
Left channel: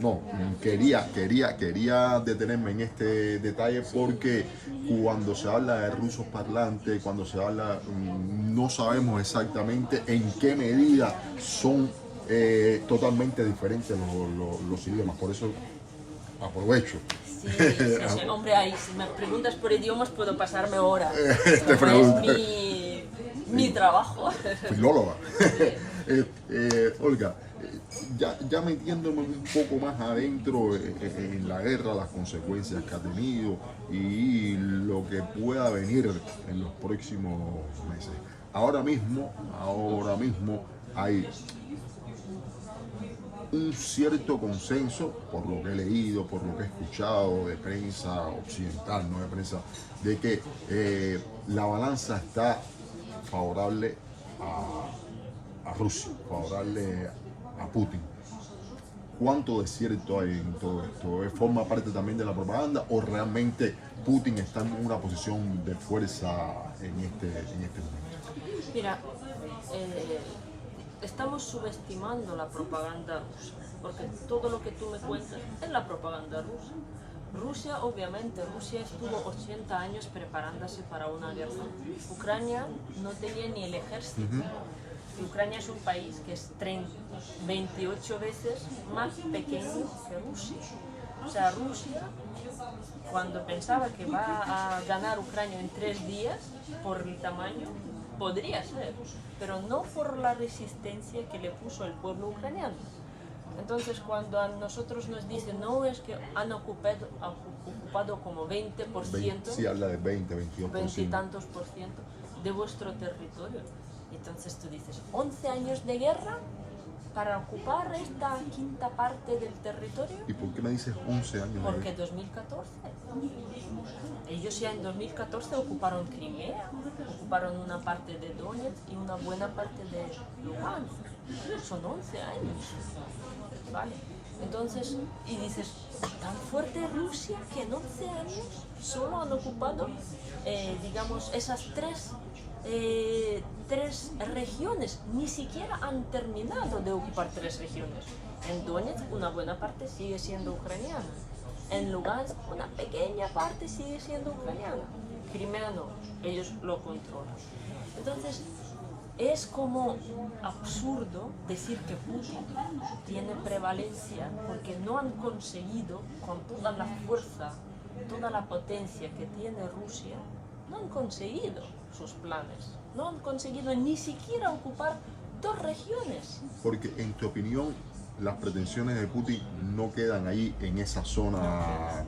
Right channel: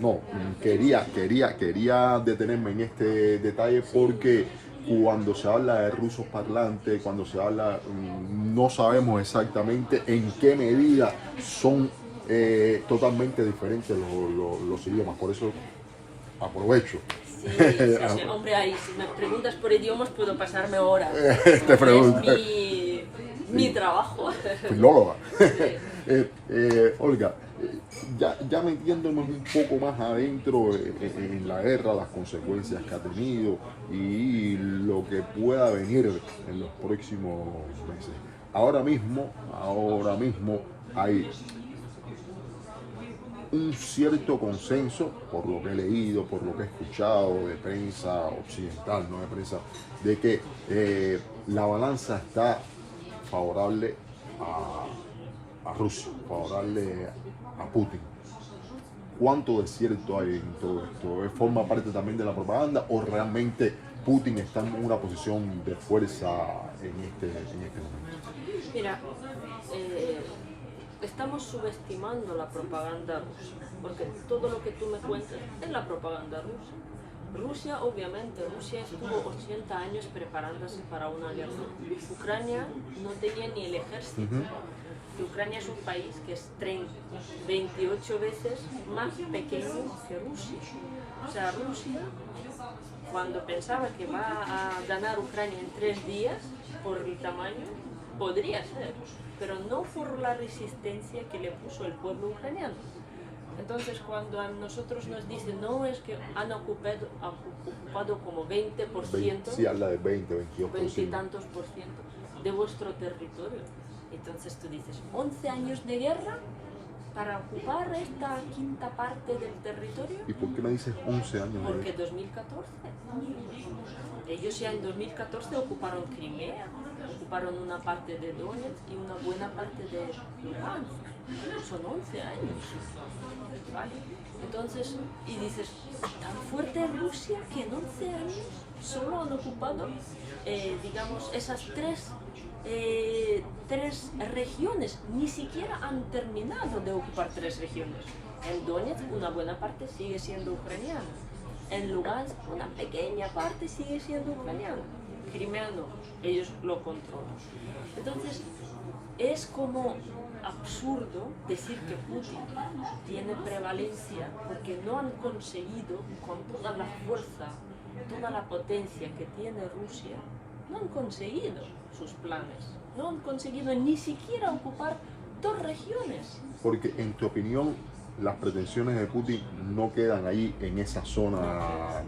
No, quería detenerme en este detalle porque cuando se habla de rusos parlantes, cuando se habla, no sabemos exactamente en qué medida son totalmente diferentes los idiomas, por eso aprovecho. Sí, hombre, ahí si me preguntas por idiomas puedo pasarme horas. Te pregunto. Es mi trabajo. Filóloga. Olga, ya metiéndome un poco más adentro en la guerra, las consecuencias que ha tenido y lo que pueda venir en los próximos meses. Ahora mismo hay un cierto consenso, por lo que he leído, por lo que he escuchado de prensa occidental, no de prensa, de que la balanza está favorable a Rusia, favorable a Putin. ¿Cuánto de cierto hay en todo esto? ¿Forma parte también de la propaganda o realmente Putin está en una posición de fuerza en este momento? Mira, estamos subestimando la propaganda rusa, porque todo lo que tú me cuentas es la propaganda rusa. Rusia estuvo 80 años preparándose para una guerra. Ucrania no tenía ni el ejército. que Ucrania es un país que es 28 veces más pequeño que Rusia. O sea, Rusia, cuando pensaba que va a ganar Ucrania en 3 días por el tamaño, podría ser, pero no por la resistencia que le puso el pueblo ucraniano. Entonces, cuando a nosotros nos dicen, no, es que han ocupado como 20%, Sí, habla de 22%. 20 y tantos por ciento de vuestro territorio. Entonces tú dices, 11 años de guerra para ocupar esta quinta parte del territorio. ¿Y por qué me dices 11 años? Porque 2014. Ellos ya en 2014 ocuparon Crimea, ocuparon una parte de Donetsk y una buena parte de Lugansk. Son 11 años. ¿Vale? Entonces, y dices, tan fuerte Rusia que en 11 años solo han ocupado, digamos, esas tres regiones. Ni siquiera han terminado de ocupar 3 regiones. En Donetsk una buena parte sigue siendo ucraniana. En Lugansk una pequeña parte sigue siendo ucraniana. Crimea no, ellos lo controlan. Entonces, es como absurdo decir que Putin tiene prevalencia porque no han conseguido, con toda la fuerza, toda la potencia que tiene Rusia, no han conseguido sus planes, no han conseguido ni siquiera ocupar 2 regiones. Porque en tu opinión, las pretensiones de Putin no quedan ahí en esa zona.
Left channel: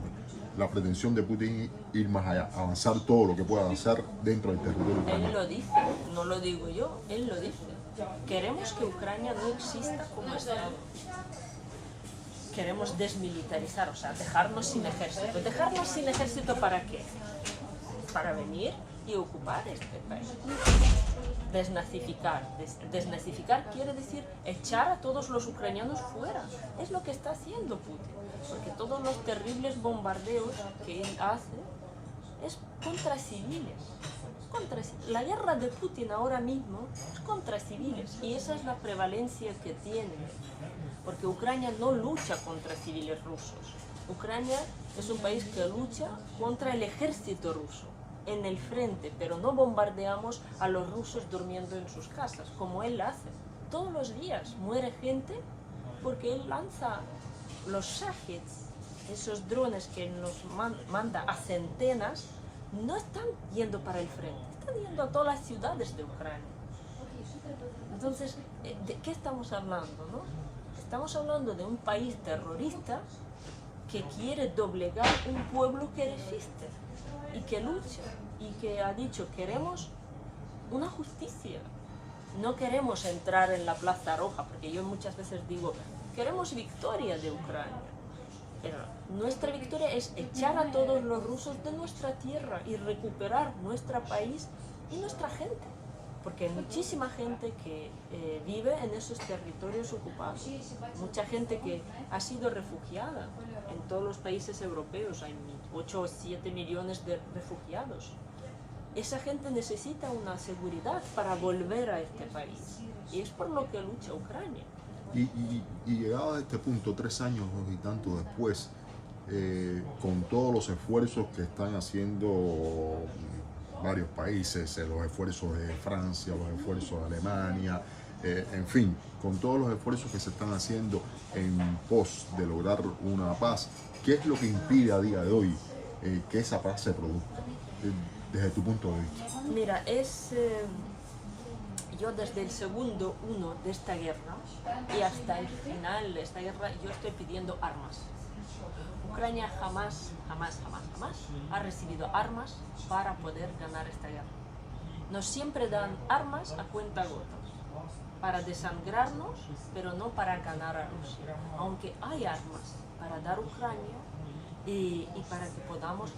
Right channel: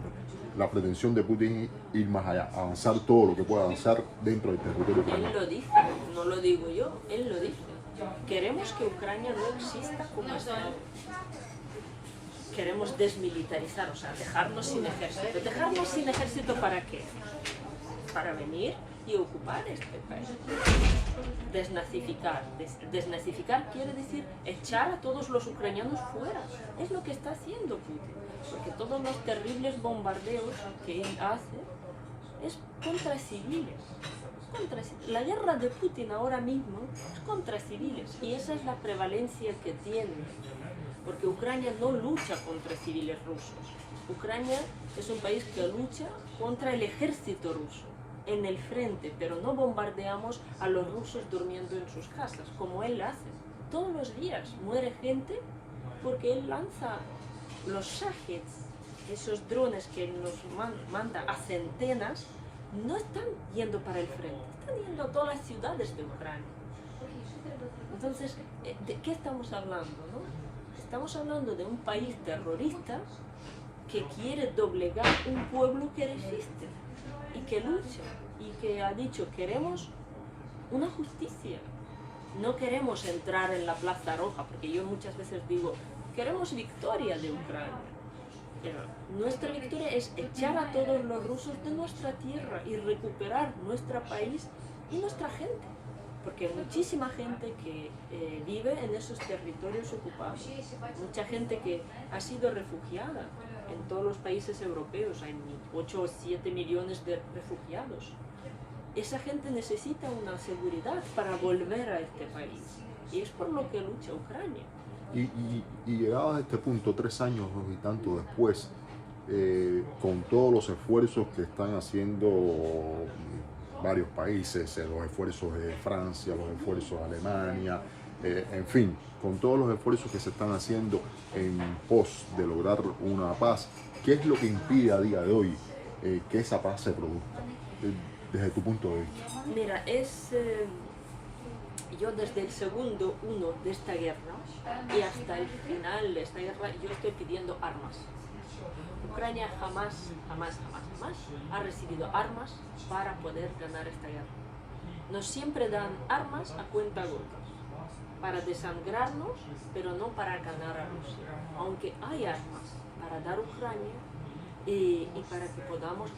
La pretensión de Putin es ir más allá, avanzar todo lo que pueda avanzar dentro del territorio ucraniano. Él lo dice, no lo digo yo, él lo dice. Queremos que Ucrania no exista como Estado. Queremos desmilitarizar, o sea, dejarnos sin ejército. ¿Dejarnos sin ejército para qué? Para venir y ocupar este país. Desnazificar. Desnazificar quiere decir echar a todos los ucranianos fuera. Es lo que está haciendo Putin. Porque todos los terribles bombardeos que él hace es contra civiles. La guerra de Putin ahora mismo es contra civiles y esa es la prevalencia que tiene. Porque Ucrania no lucha contra civiles rusos. Ucrania es un país que lucha contra el ejército ruso en el frente, pero no bombardeamos a los rusos durmiendo en sus casas, como él hace. Todos los días muere gente porque él lanza los Shaheds, esos drones que nos manda a centenas, no están yendo para el frente, están yendo a todas las ciudades de Ucrania. Entonces, ¿de qué estamos hablando, no? Estamos hablando de un país terrorista que quiere doblegar un pueblo que resiste y que lucha y que ha dicho, queremos una justicia, no queremos entrar en la Plaza Roja, porque yo muchas veces digo, queremos victoria de Ucrania, pero nuestra victoria es echar a todos los rusos de nuestra tierra y recuperar nuestro país y nuestra gente, porque hay muchísima gente que vive en esos territorios ocupados, mucha gente que ha sido refugiada. En todos los países europeos hay 8 o 7 millones de refugiados. Esa gente necesita una seguridad para volver a este país y es por lo que lucha Ucrania. Y llegado a este punto, 3 años y tanto después, con todos los esfuerzos que están haciendo varios países, los esfuerzos de Francia, los esfuerzos de Alemania, en fin, con todos los esfuerzos que se están haciendo en pos de lograr una paz, ¿qué es lo que impide a día de hoy que esa paz se produzca, desde tu punto de vista? Mira, yo desde el segundo 1 de esta guerra y hasta el final de esta guerra, yo estoy pidiendo armas. Ucrania jamás ha recibido armas para poder ganar esta guerra. Nos siempre dan armas a cuentagotas, para desangrarnos, pero no para ganar a Rusia. Aunque hay armas para dar a Ucrania y para que podamos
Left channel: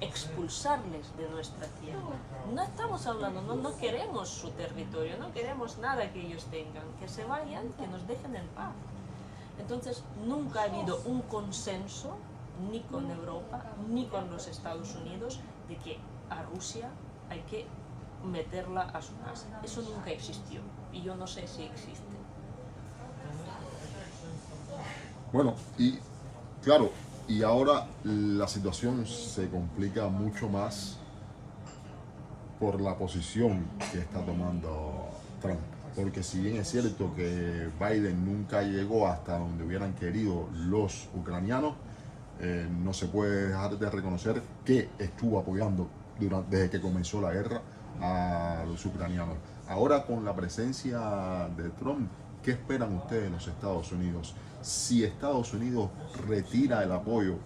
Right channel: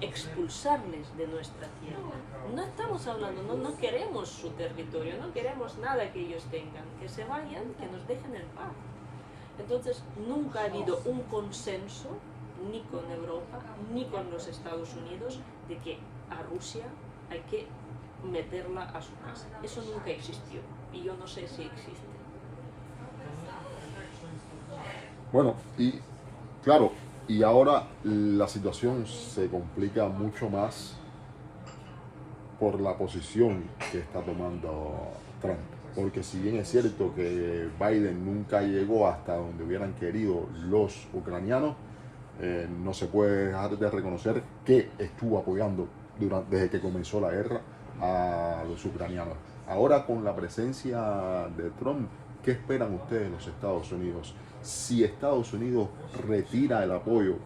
expulsarles de nuestra tierra. No estamos hablando, no queremos su territorio, no queremos nada que ellos tengan, que se vayan, que nos dejen en paz. Entonces, nunca ha habido un consenso, ni con Europa, ni con los Estados Unidos, de que a Rusia hay que meterla a su casa. Eso nunca existió y yo no sé si existe. Bueno, y claro, y ahora la situación se complica mucho más por la posición que está tomando Trump. porque si bien es cierto que Biden nunca llegó hasta donde hubieran querido los ucranianos, no se puede dejar de reconocer que estuvo apoyando desde que comenzó la guerra a los ucranianos. Ahora, con la presencia de Trump, ¿qué esperan ustedes de los Estados Unidos? Si Estados Unidos retira el apoyo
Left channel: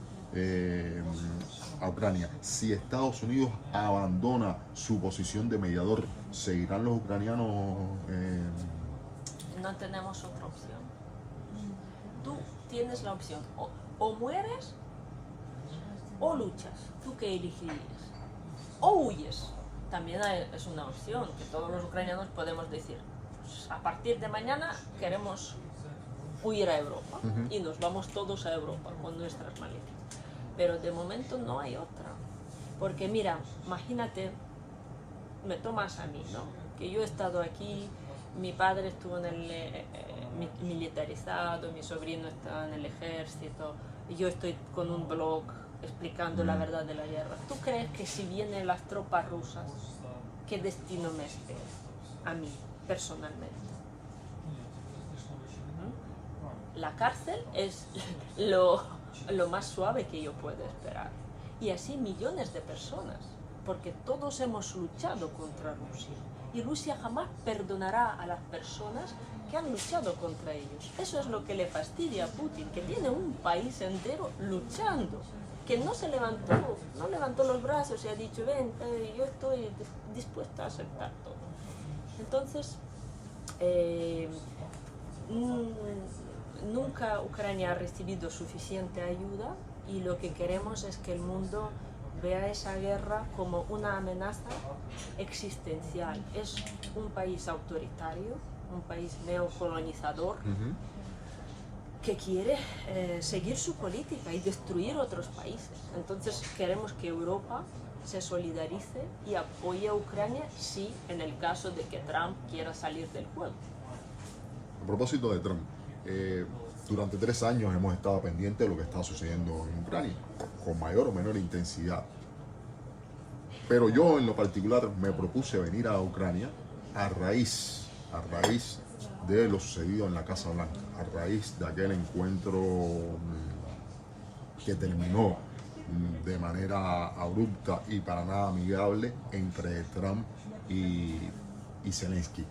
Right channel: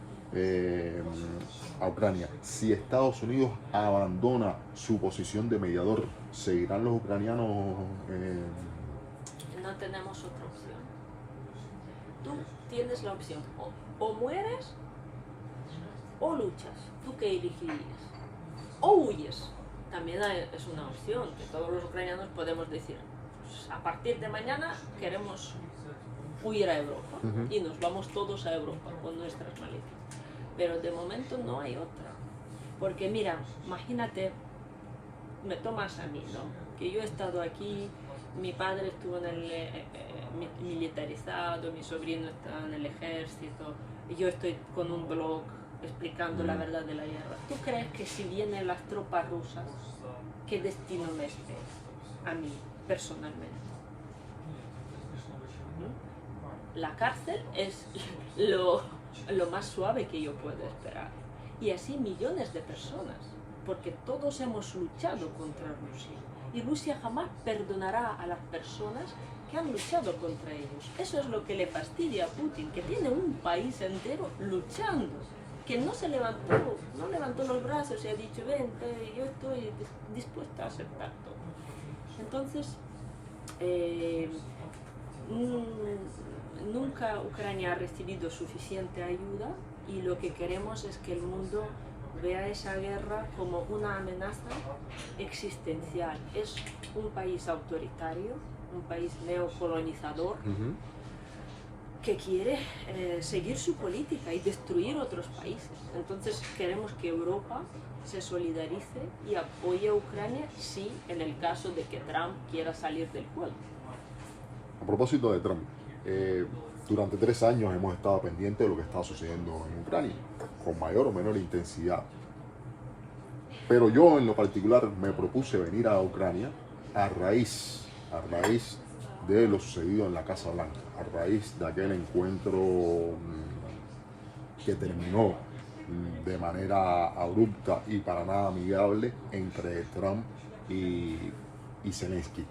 a Ucrania, si Estados Unidos abandona su posición de mediador, ¿seguirán los ucranianos? No tenemos otra opción. Tú tienes la opción, o mueres o luchas. ¿Tú qué elegirías? O huyes. También es una opción que todos los ucranianos podemos decir, pues, a partir de mañana queremos huir a Europa y nos vamos todos a Europa con nuestras maletas. Pero de momento no hay otra. Porque mira, imagínate, me tomas a mí, ¿no? Que yo he estado aquí, mi padre estuvo en el militarizado, mi sobrino está en el ejército, y yo estoy con un blog explicando la verdad de la guerra. ¿Tú crees que si vienen las tropas rusas, qué destino me espera a mí personalmente? La cárcel es lo más suave que yo puedo esperar. Y así millones de personas, porque todos hemos luchado contra Rusia. Y Rusia jamás perdonará a las personas que han luchado contra ellos. Eso es lo que le fastidia a Putin, que tiene un país entero luchando, que no levantó los brazos y ha dicho, vente, yo estoy dispuesta a aceptar todo. Entonces, nunca Ucrania ha recibido suficiente ayuda y lo que queremos es que el mundo vea esa guerra como una amenaza existencial. Es un país autoritario, un país neocolonizador que quiere seguir su política y destruir otros países. Entonces queremos que Europa se solidarice y apoye a Ucrania si en el caso de que Trump quiera salir del juego. A propósito de Trump, durante 3 años hemos estado pendientes de lo que está sucediendo en Ucrania, con mayor o menor intensidad. Pero yo en lo particular me propuse venir a Ucrania a raíz de lo sucedido en la Casa Blanca, a raíz de aquel encuentro que terminó de manera abrupta y para nada amigable entre Trump y Zelensky.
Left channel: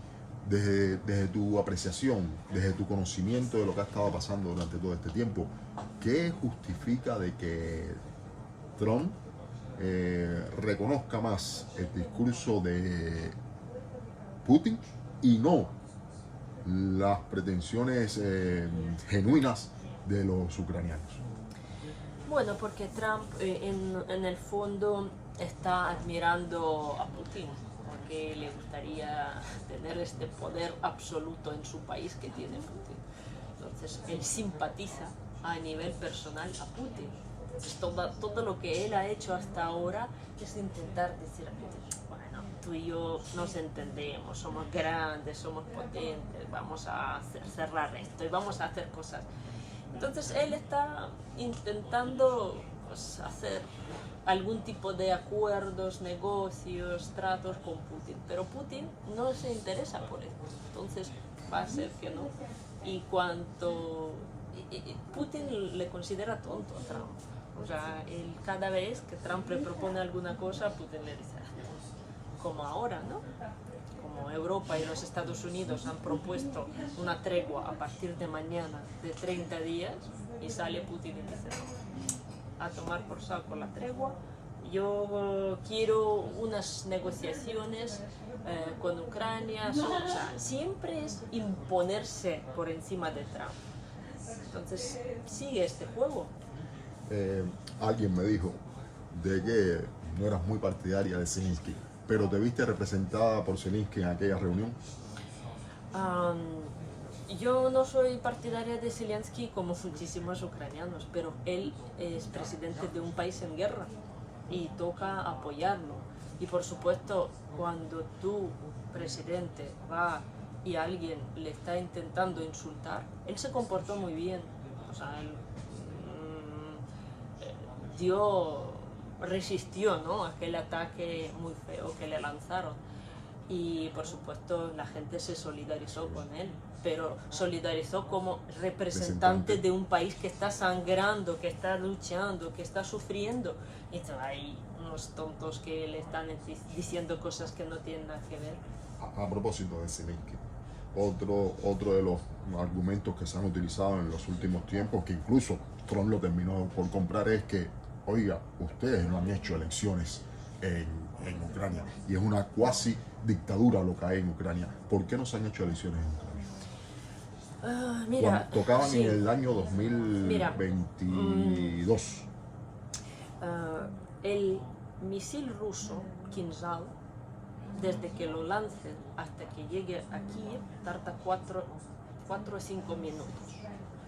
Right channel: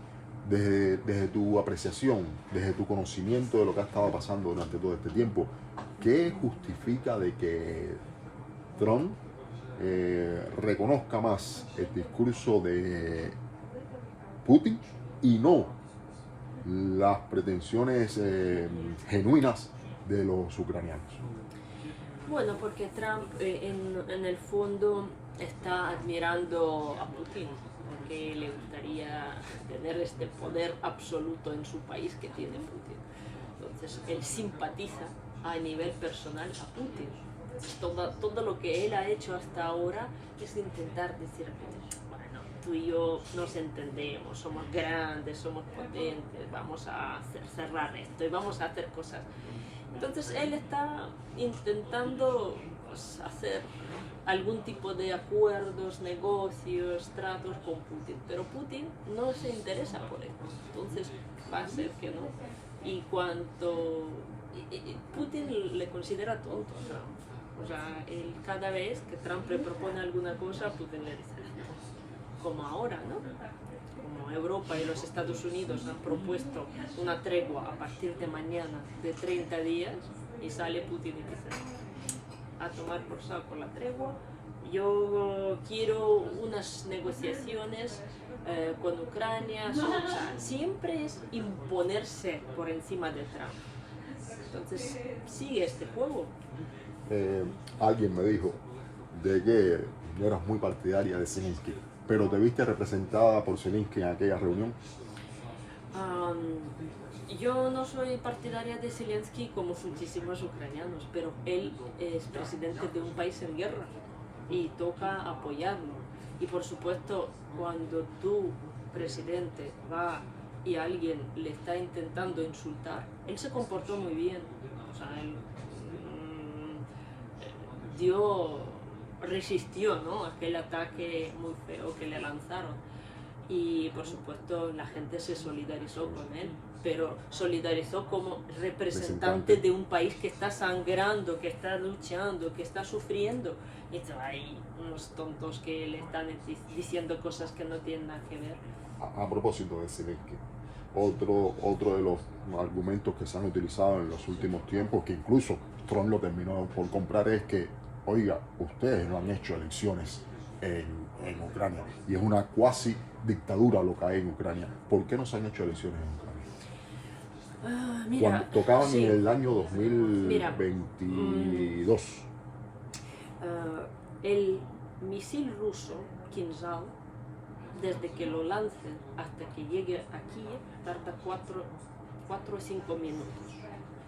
Desde tu apreciación, desde tu conocimiento de lo que ha estado pasando durante todo este tiempo, ¿qué justifica de que Trump reconozca más el discurso de Putin y no las pretensiones genuinas de los ucranianos? Bueno, porque Trump en el fondo está admirando a Putin, porque le gustaría tener este poder absoluto en su país que tiene Putin. Entonces, él simpatiza a nivel personal a Putin. Todo lo que él ha hecho hasta ahora es intentar decir, bueno, tú y yo nos entendemos, somos grandes, somos potentes, vamos a cerrar esto y vamos a hacer cosas. Entonces él está intentando pues, hacer algún tipo de acuerdos, negocios, tratos con Putin, pero Putin no se interesa por esto, entonces va a ser que no. Y cuanto Putin le considera tonto a Trump, o sea, cada vez que Trump le propone alguna cosa, Putin le dice, como ahora, ¿no? Como Europa y los Estados Unidos han propuesto una tregua a partir de mañana de 30 días y sale Putin y dice, no, a tomar por saco la tregua, yo quiero unas negociaciones con Ucrania, o sea, siempre es imponerse por encima de Trump. Entonces sigue este juego. Alguien me dijo de que no eras muy partidaria de Zelensky, pero te viste representada por Zelensky en aquella reunión. Yo no soy partidaria de Zelensky como muchísimos ucranianos, pero él es presidente de un país en guerra y toca apoyarlo. Y por supuesto, cuando tu presidente va y alguien le está intentando insultar, él se comportó muy bien. O sea, él resistió, ¿no?, aquel ataque muy feo que le lanzaron. Y por supuesto la gente se solidarizó con él, pero solidarizó como representante de un país que está sangrando, que está luchando, que está sufriendo. Y hay unos tontos que le están diciendo cosas que no tienen nada que ver. A propósito de Zelensky, otro de los argumentos que se han utilizado en los últimos tiempos, que incluso Trump lo terminó por comprar, es que, oiga, ustedes no han hecho elecciones en Ucrania y es una cuasi dictadura lo que hay en Ucrania. ¿Por qué no se han hecho elecciones en Ucrania? Mira, cuando tocaban sí, en el año 2022. El misil ruso Kinzhal, desde que lo lancen hasta que llegue aquí, tarda 4 o 5 minutos.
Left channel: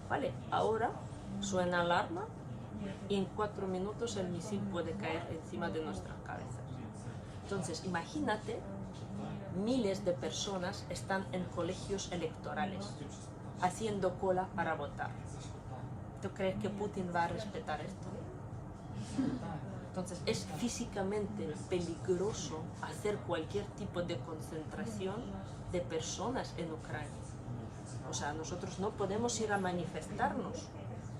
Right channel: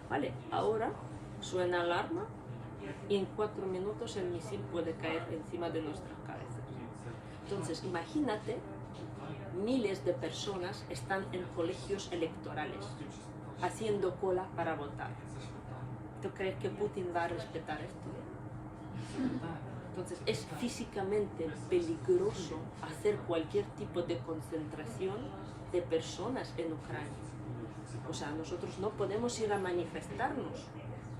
¿Vale? Ahora suena alarma y en 4 minutos el misil puede caer encima de nuestras cabezas. Entonces, imagínate, miles de personas están en colegios electorales, haciendo cola para votar. ¿Tú crees que Putin va a respetar esto? Entonces, es físicamente peligroso hacer cualquier tipo de concentración de personas en Ucrania. O sea, nosotros no podemos ir a manifestarnos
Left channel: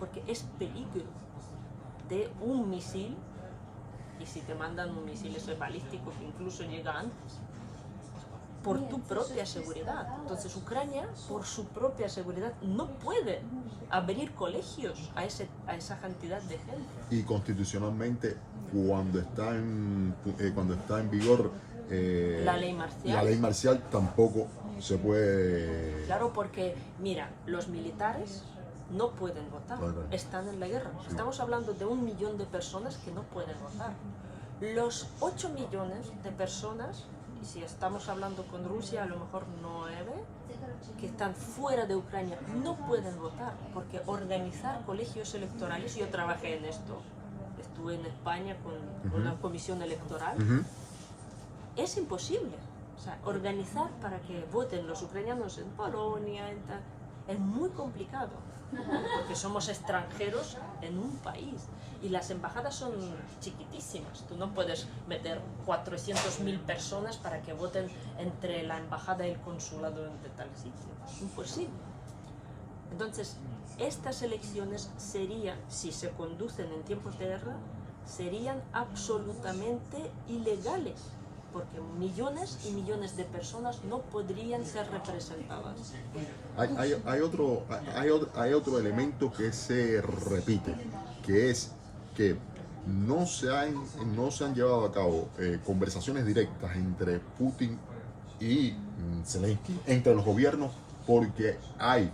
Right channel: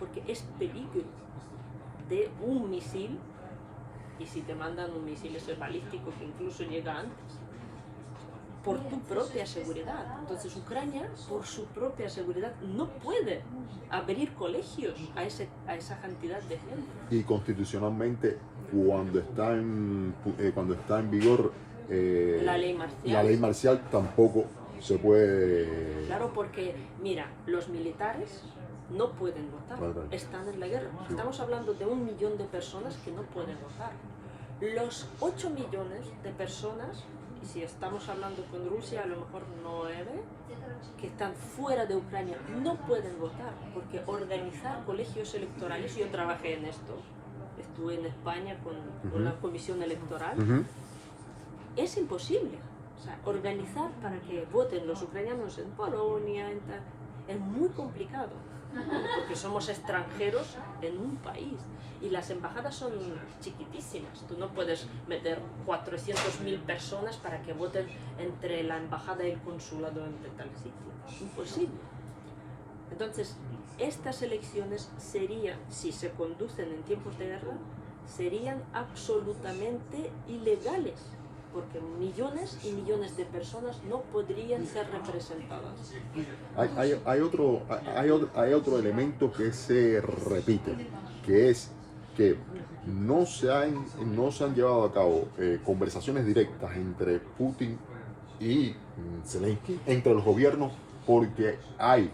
porque es peligro de un misil, y si te mandan un misil ese balístico que incluso llega antes, por tu propia seguridad. Entonces Ucrania, por su propia seguridad, no puede abrir colegios a esa cantidad de gente. Y constitucionalmente, cuando está en vigor la ley marcial, tampoco se puede... Claro, porque, mira, los militares no pueden votar, están en la guerra. Sí. Estamos hablando de 1 millón de personas que no pueden votar. Los 8 millones de personas, si estamos hablando con Rusia, a lo mejor 9, que están fuera de Ucrania, no pueden votar, porque organizar colegios electorales, yo trabajé en esto, estuve en España con una comisión electoral, es imposible. O sea, organizar para que voten los ucranianos en Polonia, es muy complicado, porque somos extranjeros en un país y las embajadas son chiquitísimas. Tú no puedes meter 400.000 personas para que voten entre la embajada y el consulado de tal sitio. Imposible. Entonces, estas elecciones serían, si se conducen en tiempos de guerra, serían absolutamente ilegales, porque millones y millones de personas no podrían ser representadas. Hay otro elemento que se repite, que es que no se han llevado a cabo conversaciones directas entre Putin y Zelensky, entre los gobiernos, porque hay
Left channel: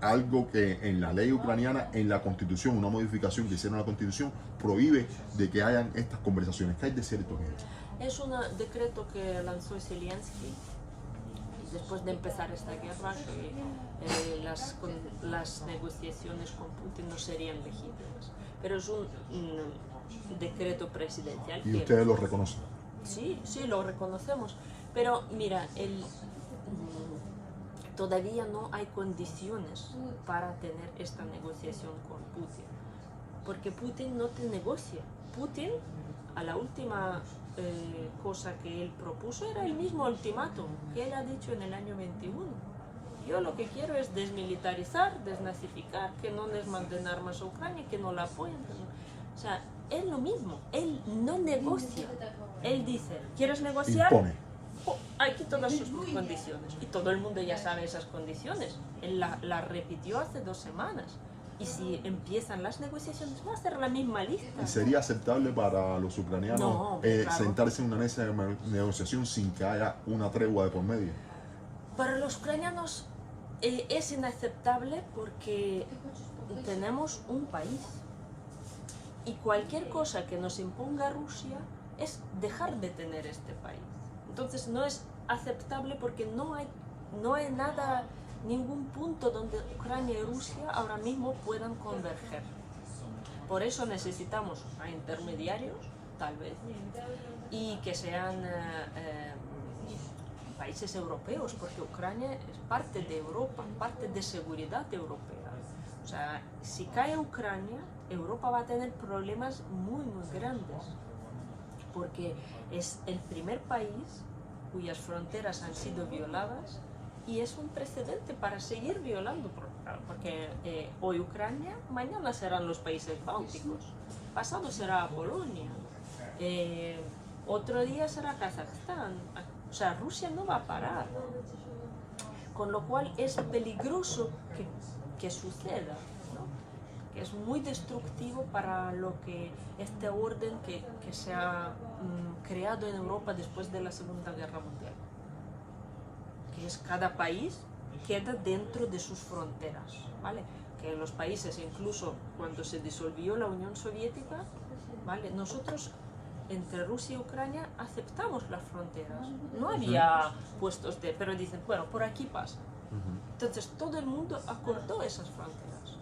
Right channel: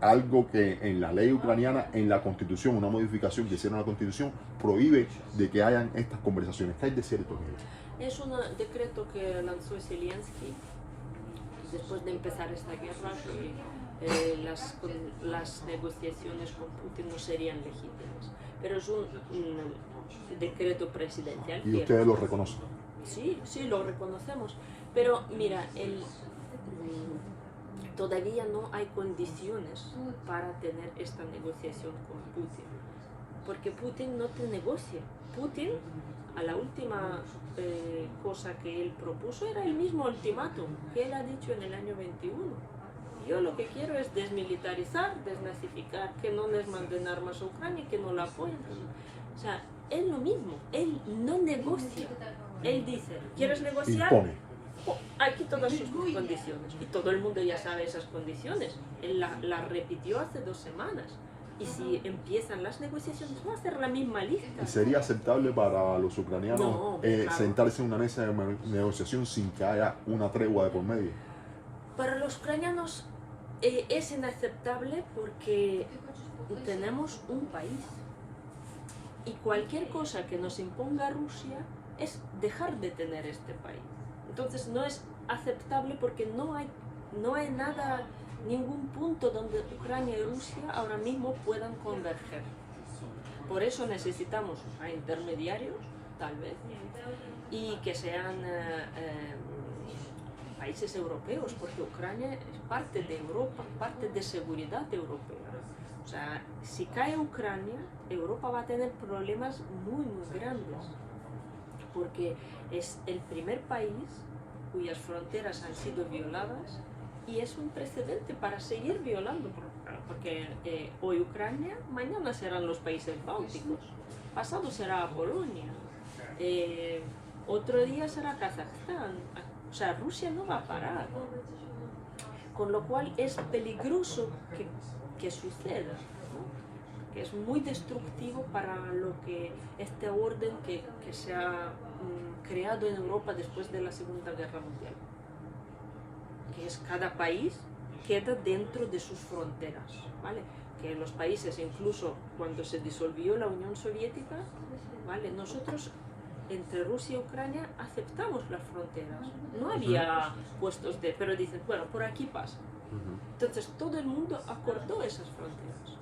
algo que en la ley ucraniana, en la constitución, una modificación que hicieron a la constitución, prohíbe de que hayan estas conversaciones. ¿Qué hay de cierto en ello? Es un decreto que lanzó Zelensky después de empezar esta guerra, que las negociaciones con Putin no serían legítimas. Pero es un decreto presidencial. ¿Y ustedes lo reconocen? Sí, sí, lo reconocemos. Pero mira, todavía no hay condiciones para tener esta negociación con Putin. Porque Putin no te negocia. Putin, a la última cosa que él propuso era el mismo ultimátum que él ha dicho en el año 21. Yo lo que quiero es desmilitarizar, desnazificar, que no les manden armas a Ucrania, que no la apoyen. O sea, es lo mismo, él no negocia. Él dice, ¿quieres negociar? Impone. Oh, aquí todas sus condiciones. Y todo el mundo ya sabe esas condiciones. Él la repitió hace 2 semanas. Y si empiezan las negociaciones, va a ser la misma lista. ¿Y sería aceptable para los ucranianos claro, sentarse en una mesa de negociación sin que haya una tregua de por medio? Para los ucranianos es inaceptable porque tenemos un país. Y cualquier cosa que nos imponga Rusia es dejar de tener este país. Entonces no es aceptable porque no hay nada, ningún punto donde Ucrania y Rusia ahora mismo puedan converger. Por eso necesitamos a intermediarios, tal vez, y que sean países europeos, porque Ucrania es parte de Europa, parte de seguridad europea. O sea, si cae Ucrania, Europa va a tener problemas muy, muy grandes, porque es el primer país cuyas fronteras han sido violadas y es un precedente para seguir violando, porque hoy Ucrania, mañana serán los países bálticos, pasado será Polonia, otro día será Kazajstán, o sea, Rusia no va a parar, con lo cual es peligroso que suceda, ¿no? Que es muy destructivo para lo que este orden que se ha creado en Europa después de la Segunda Guerra Mundial, que es cada país queda dentro de sus fronteras, ¿vale? Que los países, incluso cuando se disolvió la Unión Soviética, ¿vale? Nosotros entre Rusia y Ucrania aceptamos las fronteras, no había puestos pero dicen, bueno, por aquí pasa. Entonces todo el mundo acordó esas fronteras,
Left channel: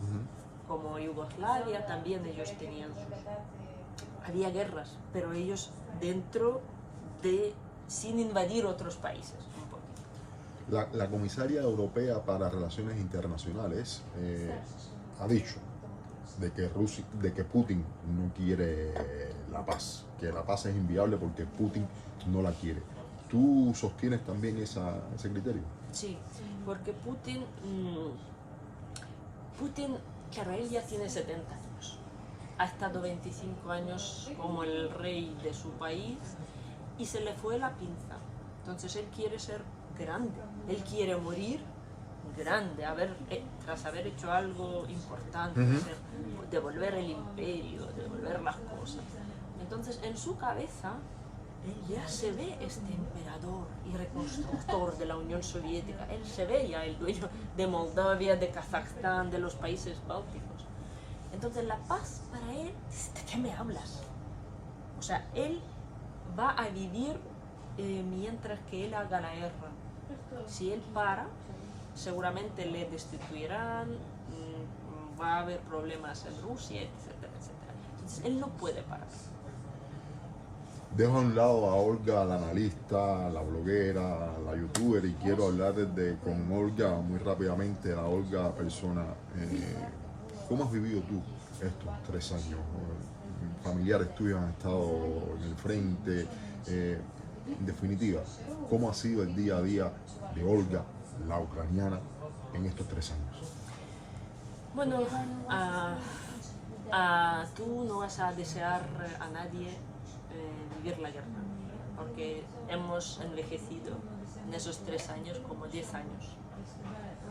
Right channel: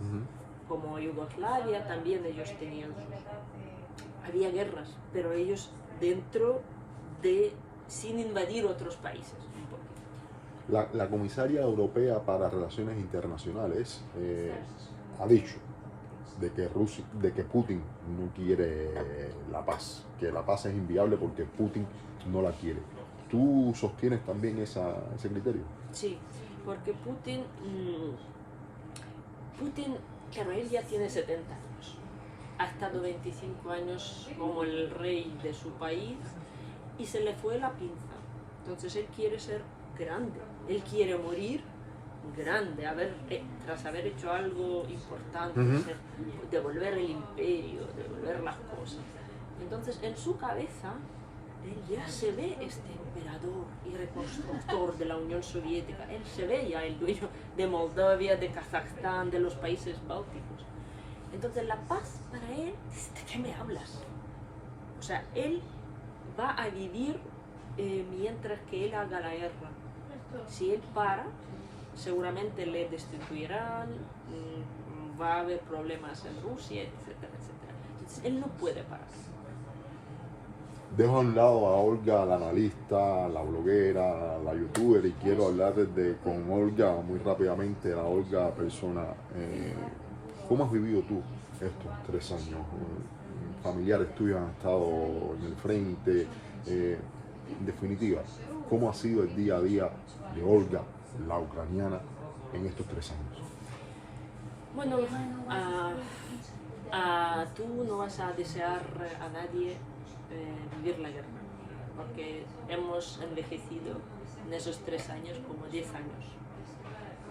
como Yugoslavia también ellos tenían había guerras, pero ellos dentro de, sin invadir otros países. La comisaria europea para Relaciones Internacionales ha dicho de que Putin no quiere la paz, que la paz es inviable porque Putin no la quiere. ¿Tú sostienes también ese criterio? Sí, porque Putin, claro, él ya tiene 70 años, ha estado 25 años como el rey de su país y se le fue la pinza. Entonces él quiere ser grande, él quiere morir grande, tras haber hecho algo importante, devolver el imperio, devolver las cosas. Entonces en su cabeza él ya se ve este emperador y reconstructor de la Unión Soviética, él se ve ya el dueño de Moldavia, de Kazajstán, de los países bálticos. Entonces la paz para él, ¿de qué me hablas? O sea, él va a vivir mientras que él haga la guerra. Si él para, seguramente le destituirán, va a haber problemas en Rusia, etcétera, etcétera. Entonces él no puede parar. Dejo a un lado a Olga, la analista, la bloguera, la youtuber, y quiero hablar con Olga muy rápidamente, la Olga persona. ¿Cómo has vivido tú estos 3 años? Familiares tuyos han estado en el frente. En definitiva, ¿cómo ha sido el día a día de Olga, la ucraniana, en estos 3 años? Bueno, tú no vas a desear a nadie vivir la guerra, porque hemos envejecido en esos 3 años como 10 años,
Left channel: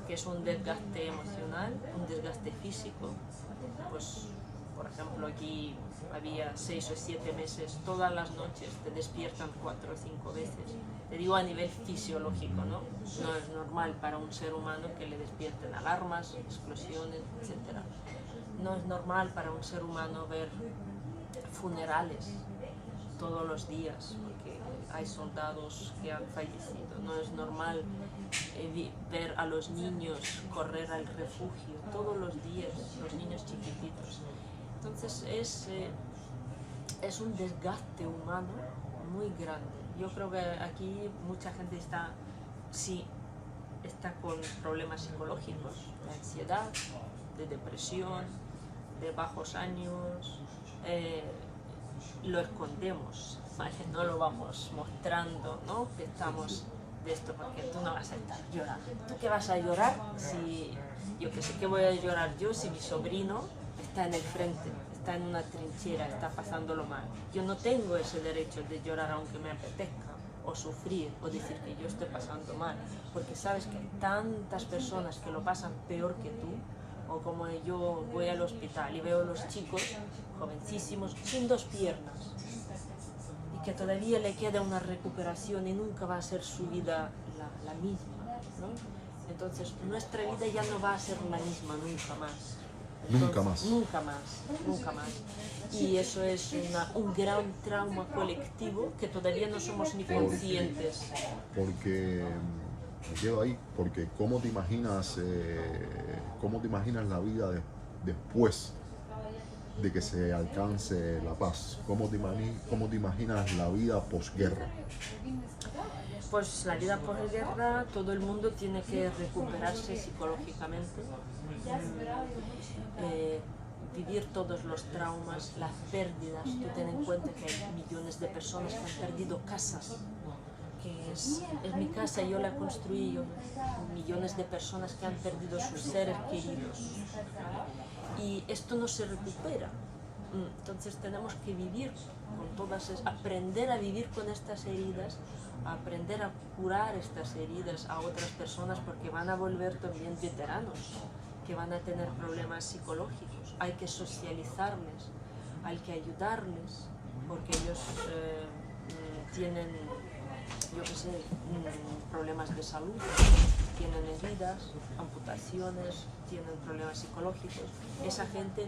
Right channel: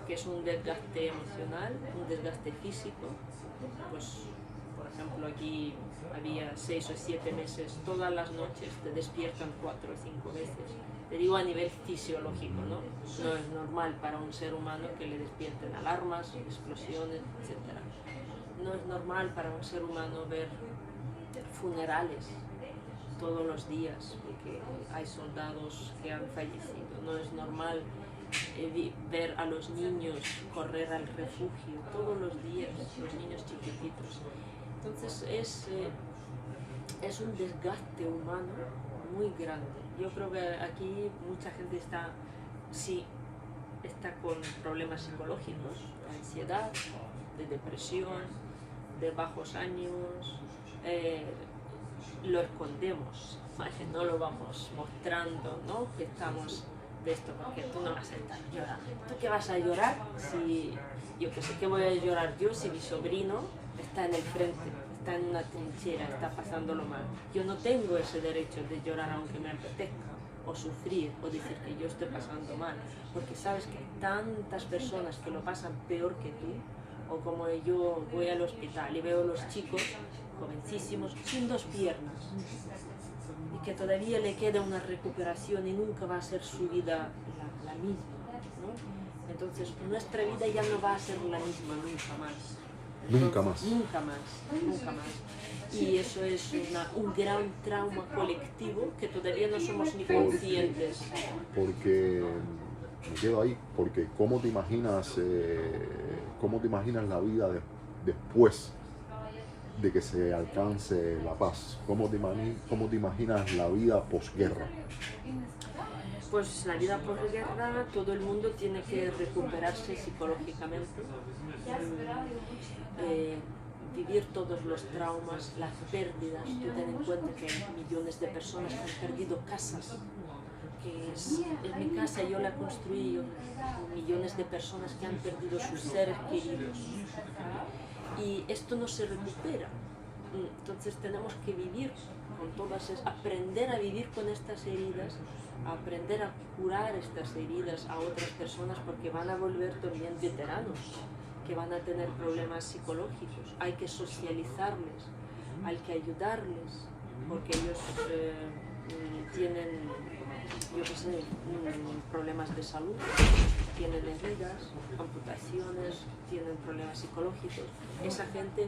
que es un desgaste emocional, un desgaste físico. Pues, por ejemplo, aquí había 6 o 7 meses, todas las noches te despiertan 4 o 5 veces. Te digo a nivel fisiológico, ¿no? No es normal para un ser humano que le despierten alarmas, explosiones, etc. No es normal para un ser humano ver funerales todos los días, porque hay soldados que han fallecido. No es normal ver a los niños correr al refugio todos los días, los niños chiquititos. Entonces es un desgaste humano muy grande. Yo creo que aquí mucha gente está con problemas psicológicos, de ansiedad, de depresión, de bajos ánimos. Lo escondemos, ¿vale? No lo vamos mostrando, ¿no? Que estamos de esto, porque tú no vas a estar llorando. ¿Tú qué vas a llorar si, yo que sé que voy a llorar yo si mi sobrino está en el frente, está en una trinchera, está pasándolo mal? Yo no tengo ese derecho de llorar aunque me apetezca, o sufrir, o decir que yo estoy pasando mal, porque sabes que hay tantas personas que lo pasan peor que tú, o como yo voy al hospital y veo a los chicos jovencísimos sin 2 piernas y que todavía le queda una recuperación y nunca va a ser su vida la misma, ¿no? Entonces nuestra vida ya no va a ser la misma nunca más. Entonces, Nunca más. Nunca más, nunca más. Y eso es un gran trauma colectivo que todavía no somos ni conscientes. Porque me quedo ahí, porque ¿cómo te imaginas la vida después de que se alcance la paz? ¿Cómo te imaginas la vida posguerra? Pues la vida posguerra, todo el mundo tiene que recuperarse psicológicamente, vivir todos los traumas, las pérdidas. Tú ten en cuenta que hay millones de personas que han perdido casas, que es mi casa, yo la construí con millones de personas que han perdido sus seres queridos, ¿vale? Y esto no se recupera. Entonces tenemos que vivir con todas, aprender a vivir con estas heridas, aprender a curar estas heridas a otras personas, porque van a volver también veteranos que van a tener problemas psicológicos. Hay que socializarles, hay que ayudarles, porque ellos tienen, yo qué sé, problemas de salud, tienen heridas, amputaciones, tienen problemas psicológicos. Esa gente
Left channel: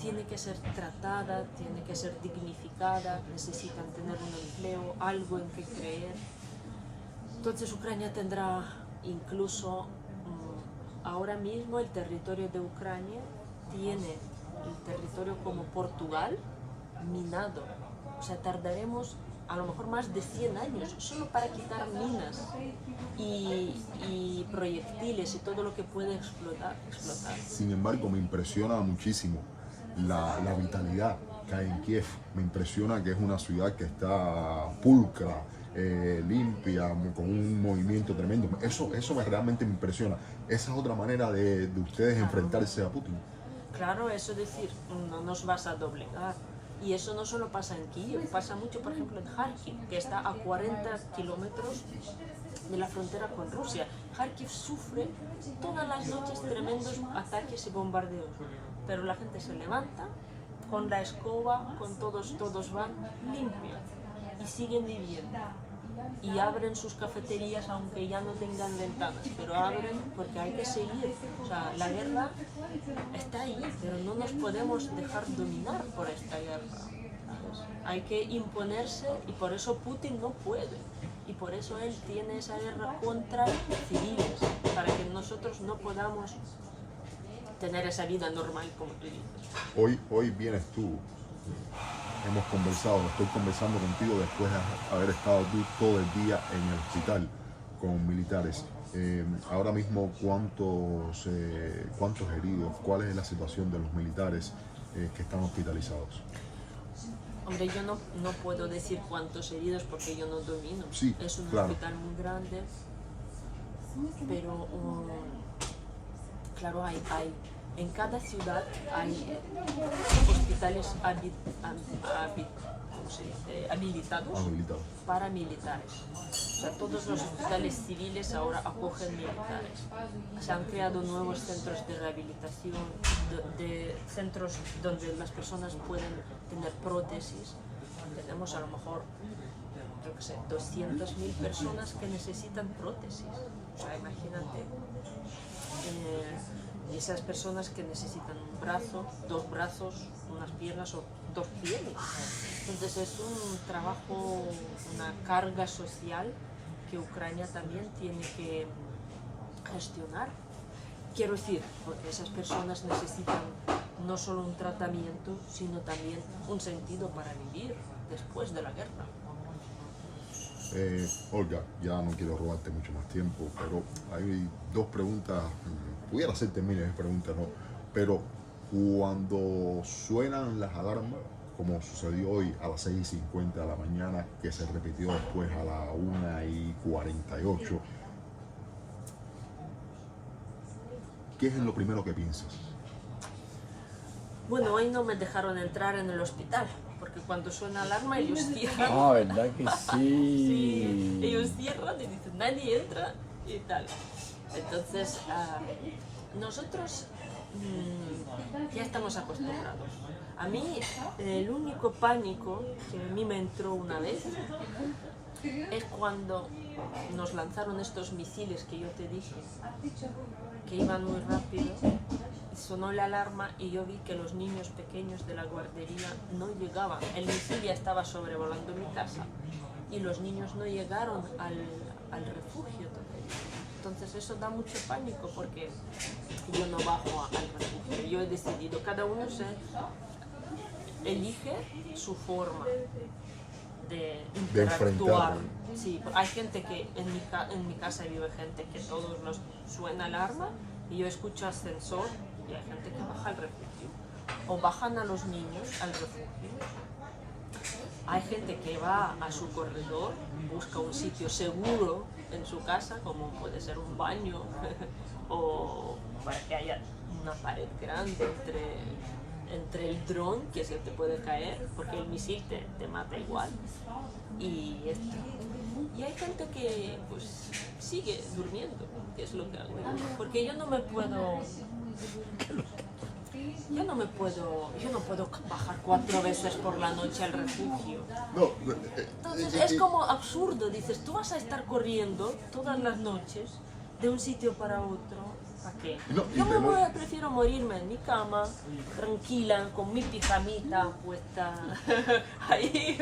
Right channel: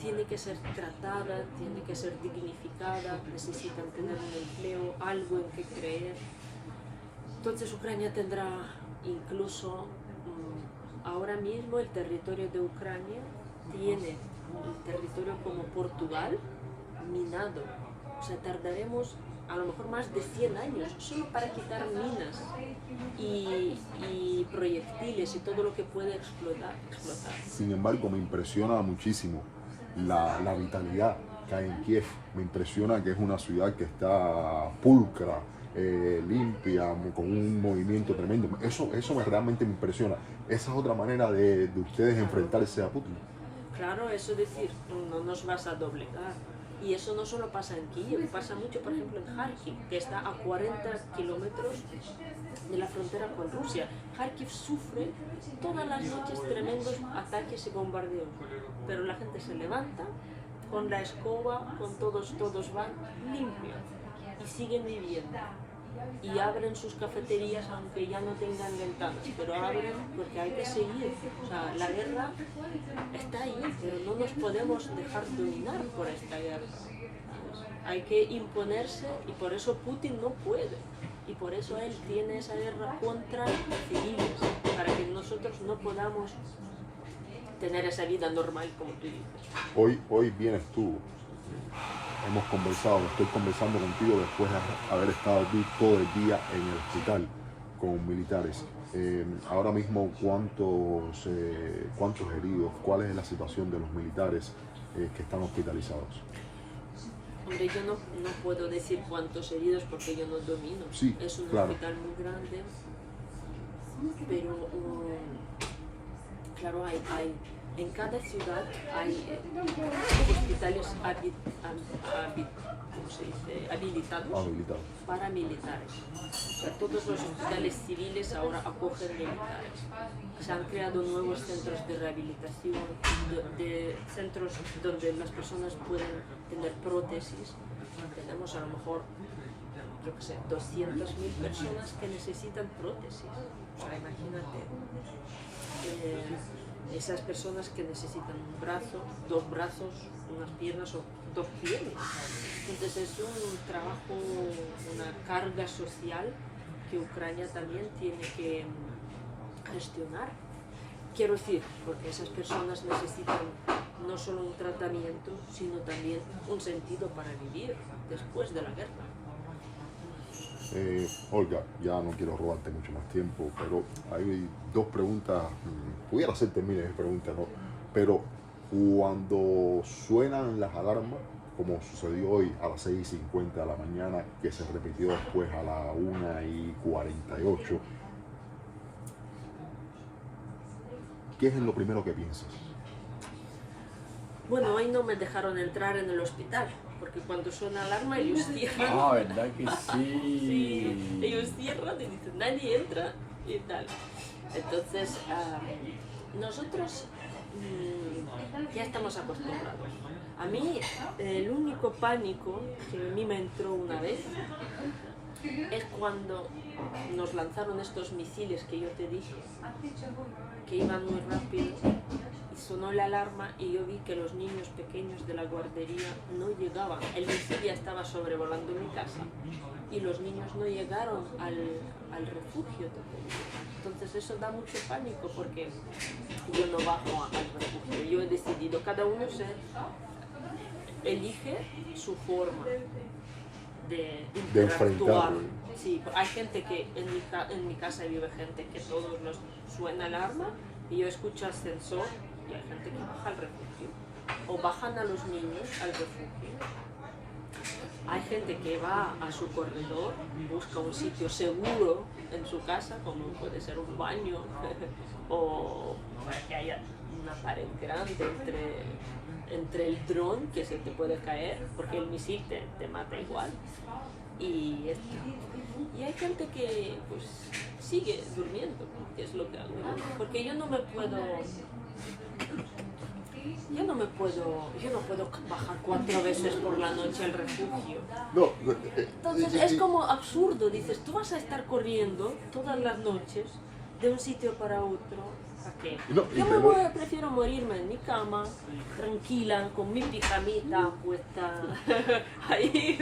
tiene que ser tratada, tiene que ser dignificada, necesitan tener un empleo, algo en que creer. Entonces Ucrania tendrá incluso, ahora mismo el territorio de Ucrania tiene el territorio como Portugal minado. O sea, tardaremos a lo mejor más de 100 años solo para quitar minas y proyectiles y todo lo que puede explotar. Sin embargo, me impresiona muchísimo la vitalidad que hay en Kiev. Me impresiona que es una ciudad que está pulcra, limpia, con un movimiento tremendo. Eso realmente me impresiona. Esa es otra manera de ustedes enfrentarse a Putin. Claro, eso decir, no nos vas a doblegar. Y eso no solo pasa en Kiev, pasa mucho, por ejemplo, en Kharkiv, que está a 40 kilómetros de la frontera con Rusia. Kharkiv sufre todas las noches tremendos ataques y bombardeos, pero la gente se levanta con la escoba, con todos van limpios y siguen viviendo. Y abren sus cafeterías aunque ya no tengan ventanas, pero abren porque hay que seguir. O sea, la guerra está ahí, pero no nos podemos dejar dominar por esta guerra, ¿sabes? Hay que imponerse y por eso Putin no puede. Y por eso él tiene esa guerra contra civiles, para que nosotros no podamos tener esa vida normal como tú dices. Hoy vienes tú. Hemos conversado, estoy conversando contigo después de haber estado tú todo el día en el hospital con militares. Ahora mismo, ¿cuántos heridos? ¿Cuál es la situación de los militares que están hospitalizados? Hombre, yo no puedo decir cuántos heridos porque yo no domino. Sí, es un claro. hospital muy grande, pero claro, en cada ciudad hay hospitales habilitados para militares. O sea, todos los hospitales civiles ahora acogen militares. Se han creado nuevos centros de rehabilitación, de centros donde las personas pueden tener prótesis. Tenemos a lo mejor, yo qué sé, 200.000 personas que necesitan prótesis. O sea, imagínate. Esas personas que necesitan un brazo, 2 brazos, unas piernas o 2 pieles. Entonces es un trabajo, una carga social que Ucrania también tiene que gestionar. Quiero decir, porque esas personas necesitan no solo un tratamiento, sino también un sentido para vivir después de la guerra. Olga, ya no quiero robarte mucho más tiempo, pero hay 2 preguntas. Pudiera hacerte miles de preguntas, ¿no? Pero cuando suenan las alarmas, como sucedió hoy a las 6:50 de la mañana, que se repitió después a las 1:48, ¿qué es lo primero que piensas? Bueno, hoy no me dejaron entrar en el hospital, porque cuando suena alarma ellos cierran. Ah, ¿verdad que sí? Sí, ellos cierran y dicen, nadie entra y tal. Entonces, nosotros ya estamos acostumbrados. A mí, el único pánico que a mí me entró una vez es cuando nos lanzaron estos misiles que yo te dije, que iban muy rápido. Sonó la alarma y yo vi que los niños pequeños de la guardería no llegaban. El misil ya estaba sobrevolando mi casa y los niños no llegaron al refugio todavía. Entonces eso da mucho pánico porque yo no bajo al refugio. Yo he decidido, cada uno se elige su forma de interactuar. Sí, hay gente que en mi casa vive gente que todos nos suena alarma y yo escucho ascensor. Y hay gente que baja al refugio o bajan a los niños al refugio. Hay gente que va a su corredor, busca un sitio seguro en su casa, como puede ser un baño, o para que haya una pared grande entre el dron que se te puede caer, porque el misil te mata igual. Y hay gente que pues sigue durmiendo, que es lo que hago yo, porque yo no puedo bajar 4 veces por la noche al refugio. No, Entonces es como absurdo, dices, tú vas a estar corriendo todas las noches de un sitio para otro, ¿a qué? No, Prefiero morirme en mi cama, tranquila, con mi pijamita puesta ahí,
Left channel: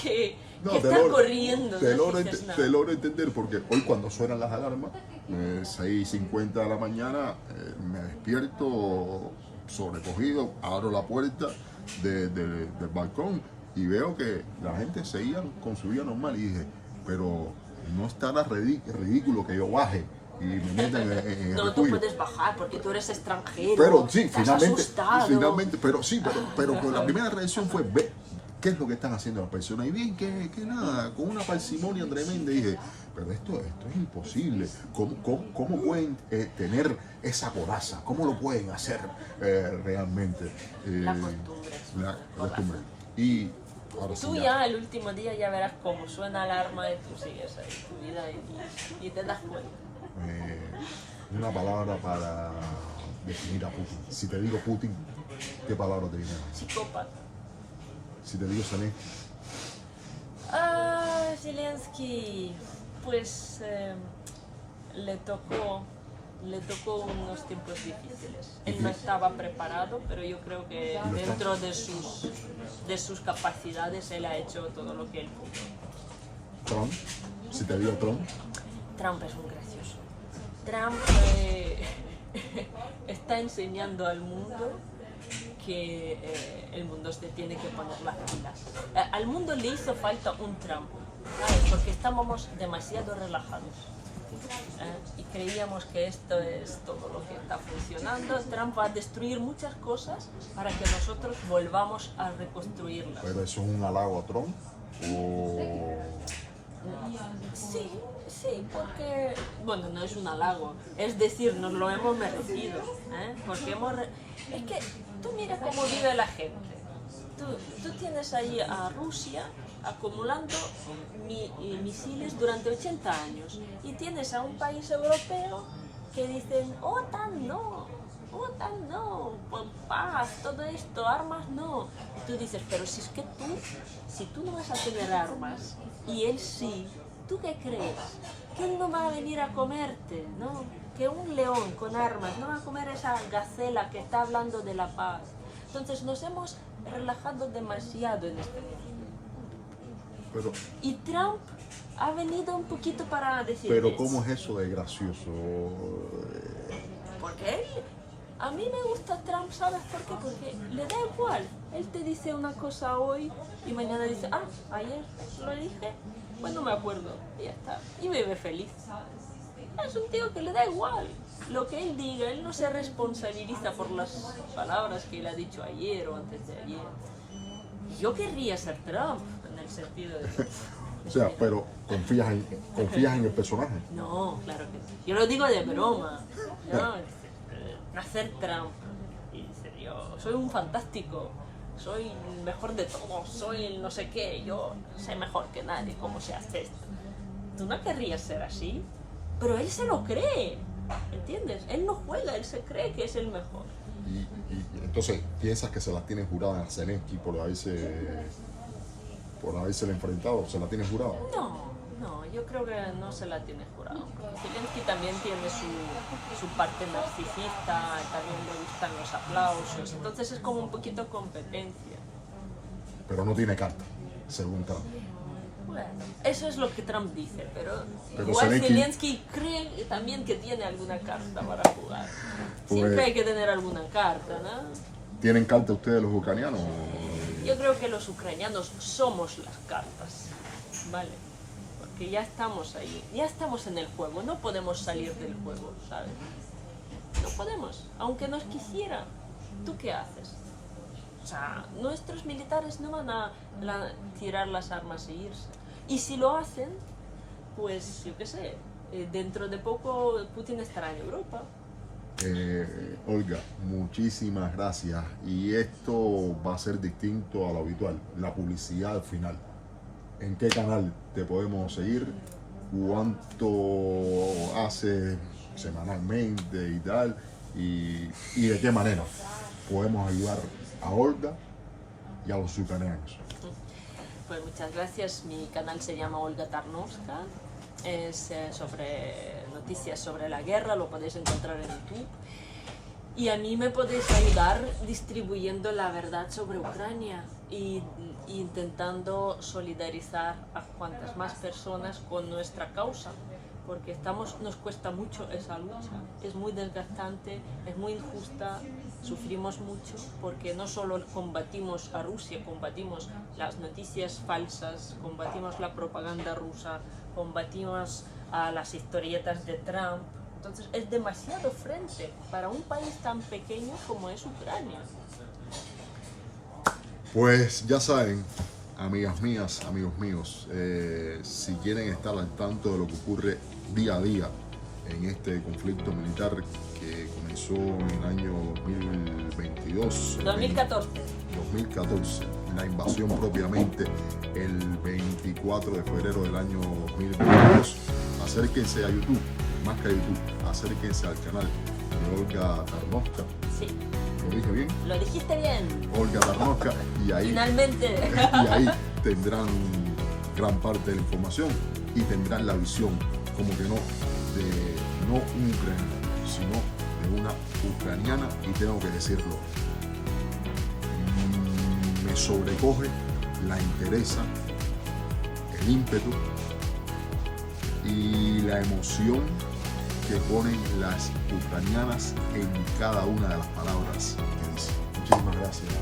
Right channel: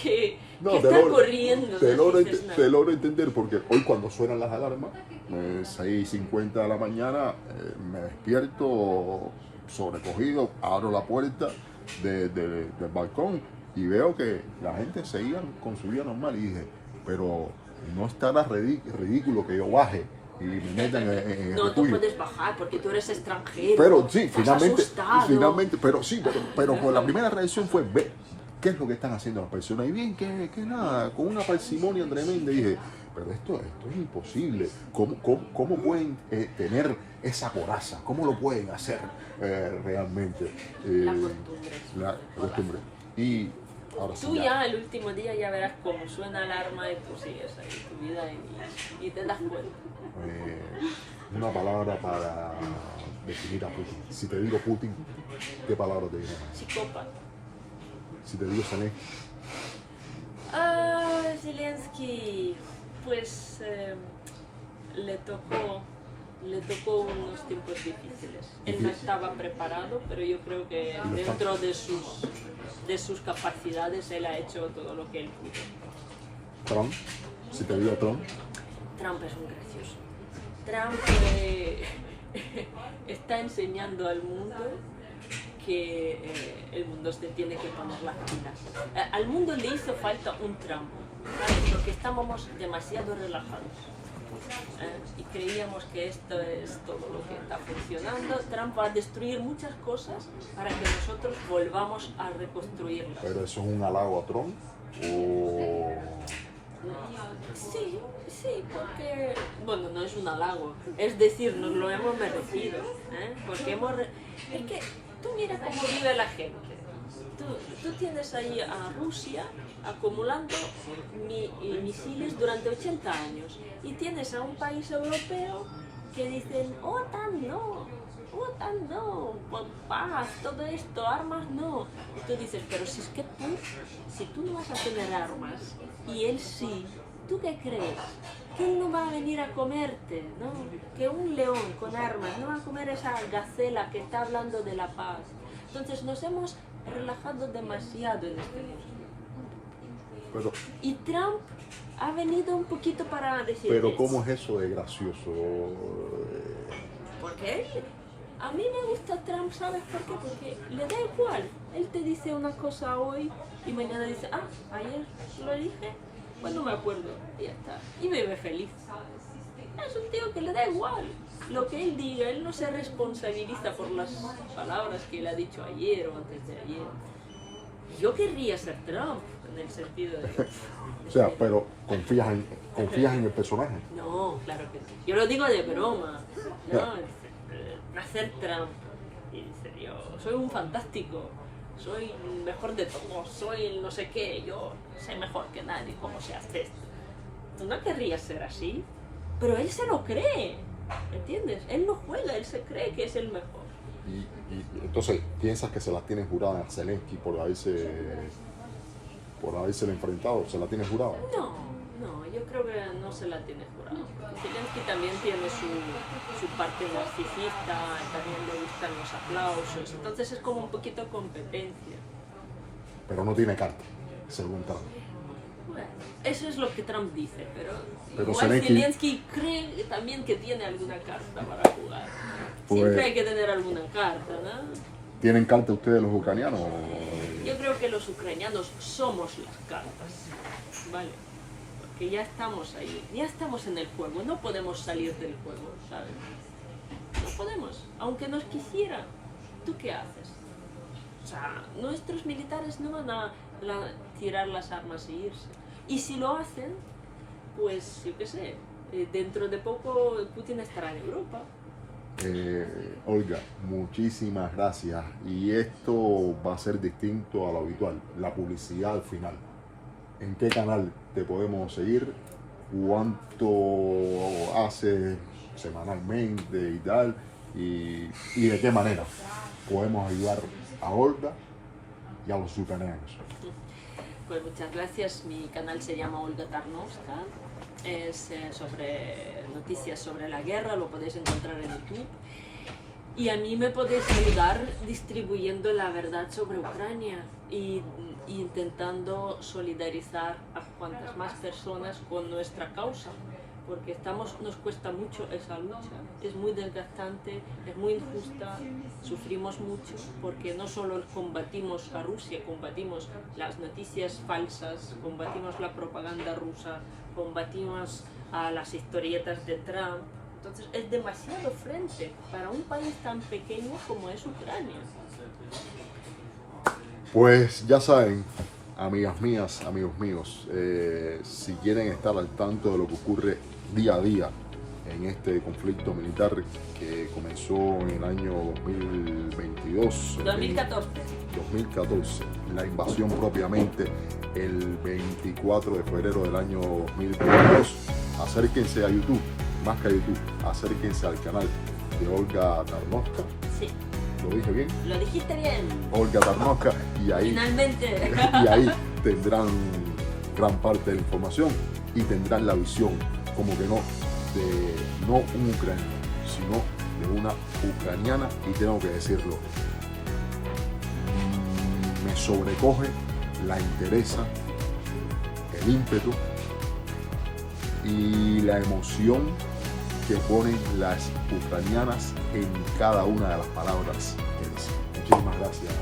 que estar corriendo. te no logro, dices nada. te logro entender, porque hoy cuando suenan las alarmas, 6:50 de la mañana, me despierto sobrecogido, abro la puerta del balcón y veo que la gente seguía con su vida normal y dije, pero no estará ridículo que yo baje y me metan en el No, tú refugio. puedes bajar porque tú eres extranjero. Pero sí, estás asustado. pero con la primera reacción fue ver qué es lo que están haciendo las personas. Y bien que nada, con una parsimonia tremenda, dije, pero esto es imposible. ¿Cómo pueden tener esa coraza? ¿Cómo lo pueden hacer realmente? La costumbre. Y ahora sí Tú ya el último día ya verás cómo suena alarma y tú sigues ahí tu vida y te das cuenta. una palabra para definir a Putin. Si te digo Putin, ¿qué palabra te viene? Psicópata. Si te digo Zelensky, Zelensky, pues le tocó unos tiempos difíciles. Él no estaba preparado, pero yo creo que dentro de sus capacidades él ha hecho todo lo que él pudo. Trump, si te digo Trump, Trump es un gracioso. Trump está enseñando al mundo que el mundo se tiene que poner las pilas. Al mundo le hizo falta un Trump, ¿sabes? Porque estábamos demasiado relajados y creíamos que esto es todo lo que está funcionando. Trump va a destruir muchas cosas para que nosotros volvamos a reconstruirlas. pero eso es un halago a Trump o... Sí, porque, bueno, no es un halago, es decir, nos lo hemos merecido, porque es que tú mira cómo vive la gente. Tú tienes ahí a Rusia acumulando misiles durante 80 años y tienes a un país europeo que dicen, OTAN no, paz, todo esto, armas no. Y tú dices, pero si tú no vas a tener armas y él sí, ¿tú qué crees? Que él no va a venir a comerte, ¿no? Que un león con armas no va a comer esa gacela que está hablando de la paz. Entonces nos hemos relajado demasiado en este Pero, y Trump ha venido un poquito para decir... pero ¿cómo es eso de gracioso? Porque a mí me gusta Trump, ¿sabes por qué? Porque le da igual. Él te dice una cosa hoy y mañana dice, ayer lo dije, pues no me acuerdo, y ya está. Y vive feliz. Es un tío que le da igual. Lo que él diga, él no se responsabiliza por las palabras que él ha dicho ayer o antes de ayer. Yo querría ser Trump, en el sentido de... O sea, pero ¿confías en el personaje? No, claro que no. Yo lo digo de broma. ¿No? Hacer Trump. Y dice, yo soy un fantástico. Soy el mejor de todos. Soy el no sé qué. Yo sé mejor que nadie cómo se hace esto. Tú no querrías ser así. Pero él se lo cree. ¿Entiendes? Él no juega. Él se cree que es el mejor. Y entonces, ¿piensas que se las tienen juradas a Zelensky por haberse enfrentado? ¿Se la tienen jurada? No, yo creo que no se la tiene jurado. Zelensky también tiene su parte narcisista, también le gustan los aplausos, entonces es como un poquito competencia. Pero no tiene carta, según Trump. Bueno, eso es lo que Trump dice, pero igual Zelensky cree también que tiene alguna carta para jugar. Pues, siempre hay que tener alguna carta, ¿no? ¿Tienen carta ustedes los ucranianos? Yo creo que los ucranianos somos las cartas, ¿vale? Porque ya estamos ahí, ya estamos en el juego, no podemos salir del juego, ¿sabes? No podemos, aunque nos quisieran. ¿Tú qué haces? O sea, nuestros militares no van a tirar las armas e irse. Y si lo hacen, pues yo qué sé, dentro de poco Putin estará en Europa. Olga, muchísimas gracias. Y esto va a ser distinto a lo habitual, la publicidad al final. ¿En qué canal te podemos seguir? ¿Cuánto haces semanalmente y tal? ¿Y de qué manera podemos ayudar a Olga y a los ucranianos? Pues muchas gracias. Mi canal se llama Olga Tarnowska. Es sobre noticias sobre la guerra, lo podéis encontrar en YouTube. Y a mí me podéis ayudar distribuyendo la verdad sobre Ucrania y intentando solidarizar a cuantas más personas con nuestra causa, porque nos cuesta mucho esa lucha, es muy desgastante, es muy injusta, sufrimos mucho, porque no solo combatimos a Rusia, combatimos las noticias falsas, combatimos la propaganda rusa, combatimos a las historietas de Trump. Entonces es demasiado frente para un país tan pequeño como es Ucrania. Pues ya saben, amigas mías, amigos míos, si quieren estar al tanto de lo que ocurre día a día en este conflicto militar que comenzó en el año 2014, la invasión propiamente el 24 de febrero del año 2022, acérquense a YouTube, más que a YouTube, acérquense al canal de Olga Tarnowska. Sí. ¿Lo dije bien? Lo dijiste bien. Olga Tarnowska, y ahí, finalmente. y ahí tendrán gran parte de la información y tendrán la visión, como que no, de no un ucraniano, sino de una ucraniana, y tengo que decirlo, me sobrecoge, la interesa, el ímpetu y la emoción que ponen las ucranianas en cada una de las palabras que dicen. Muchísimas gracias.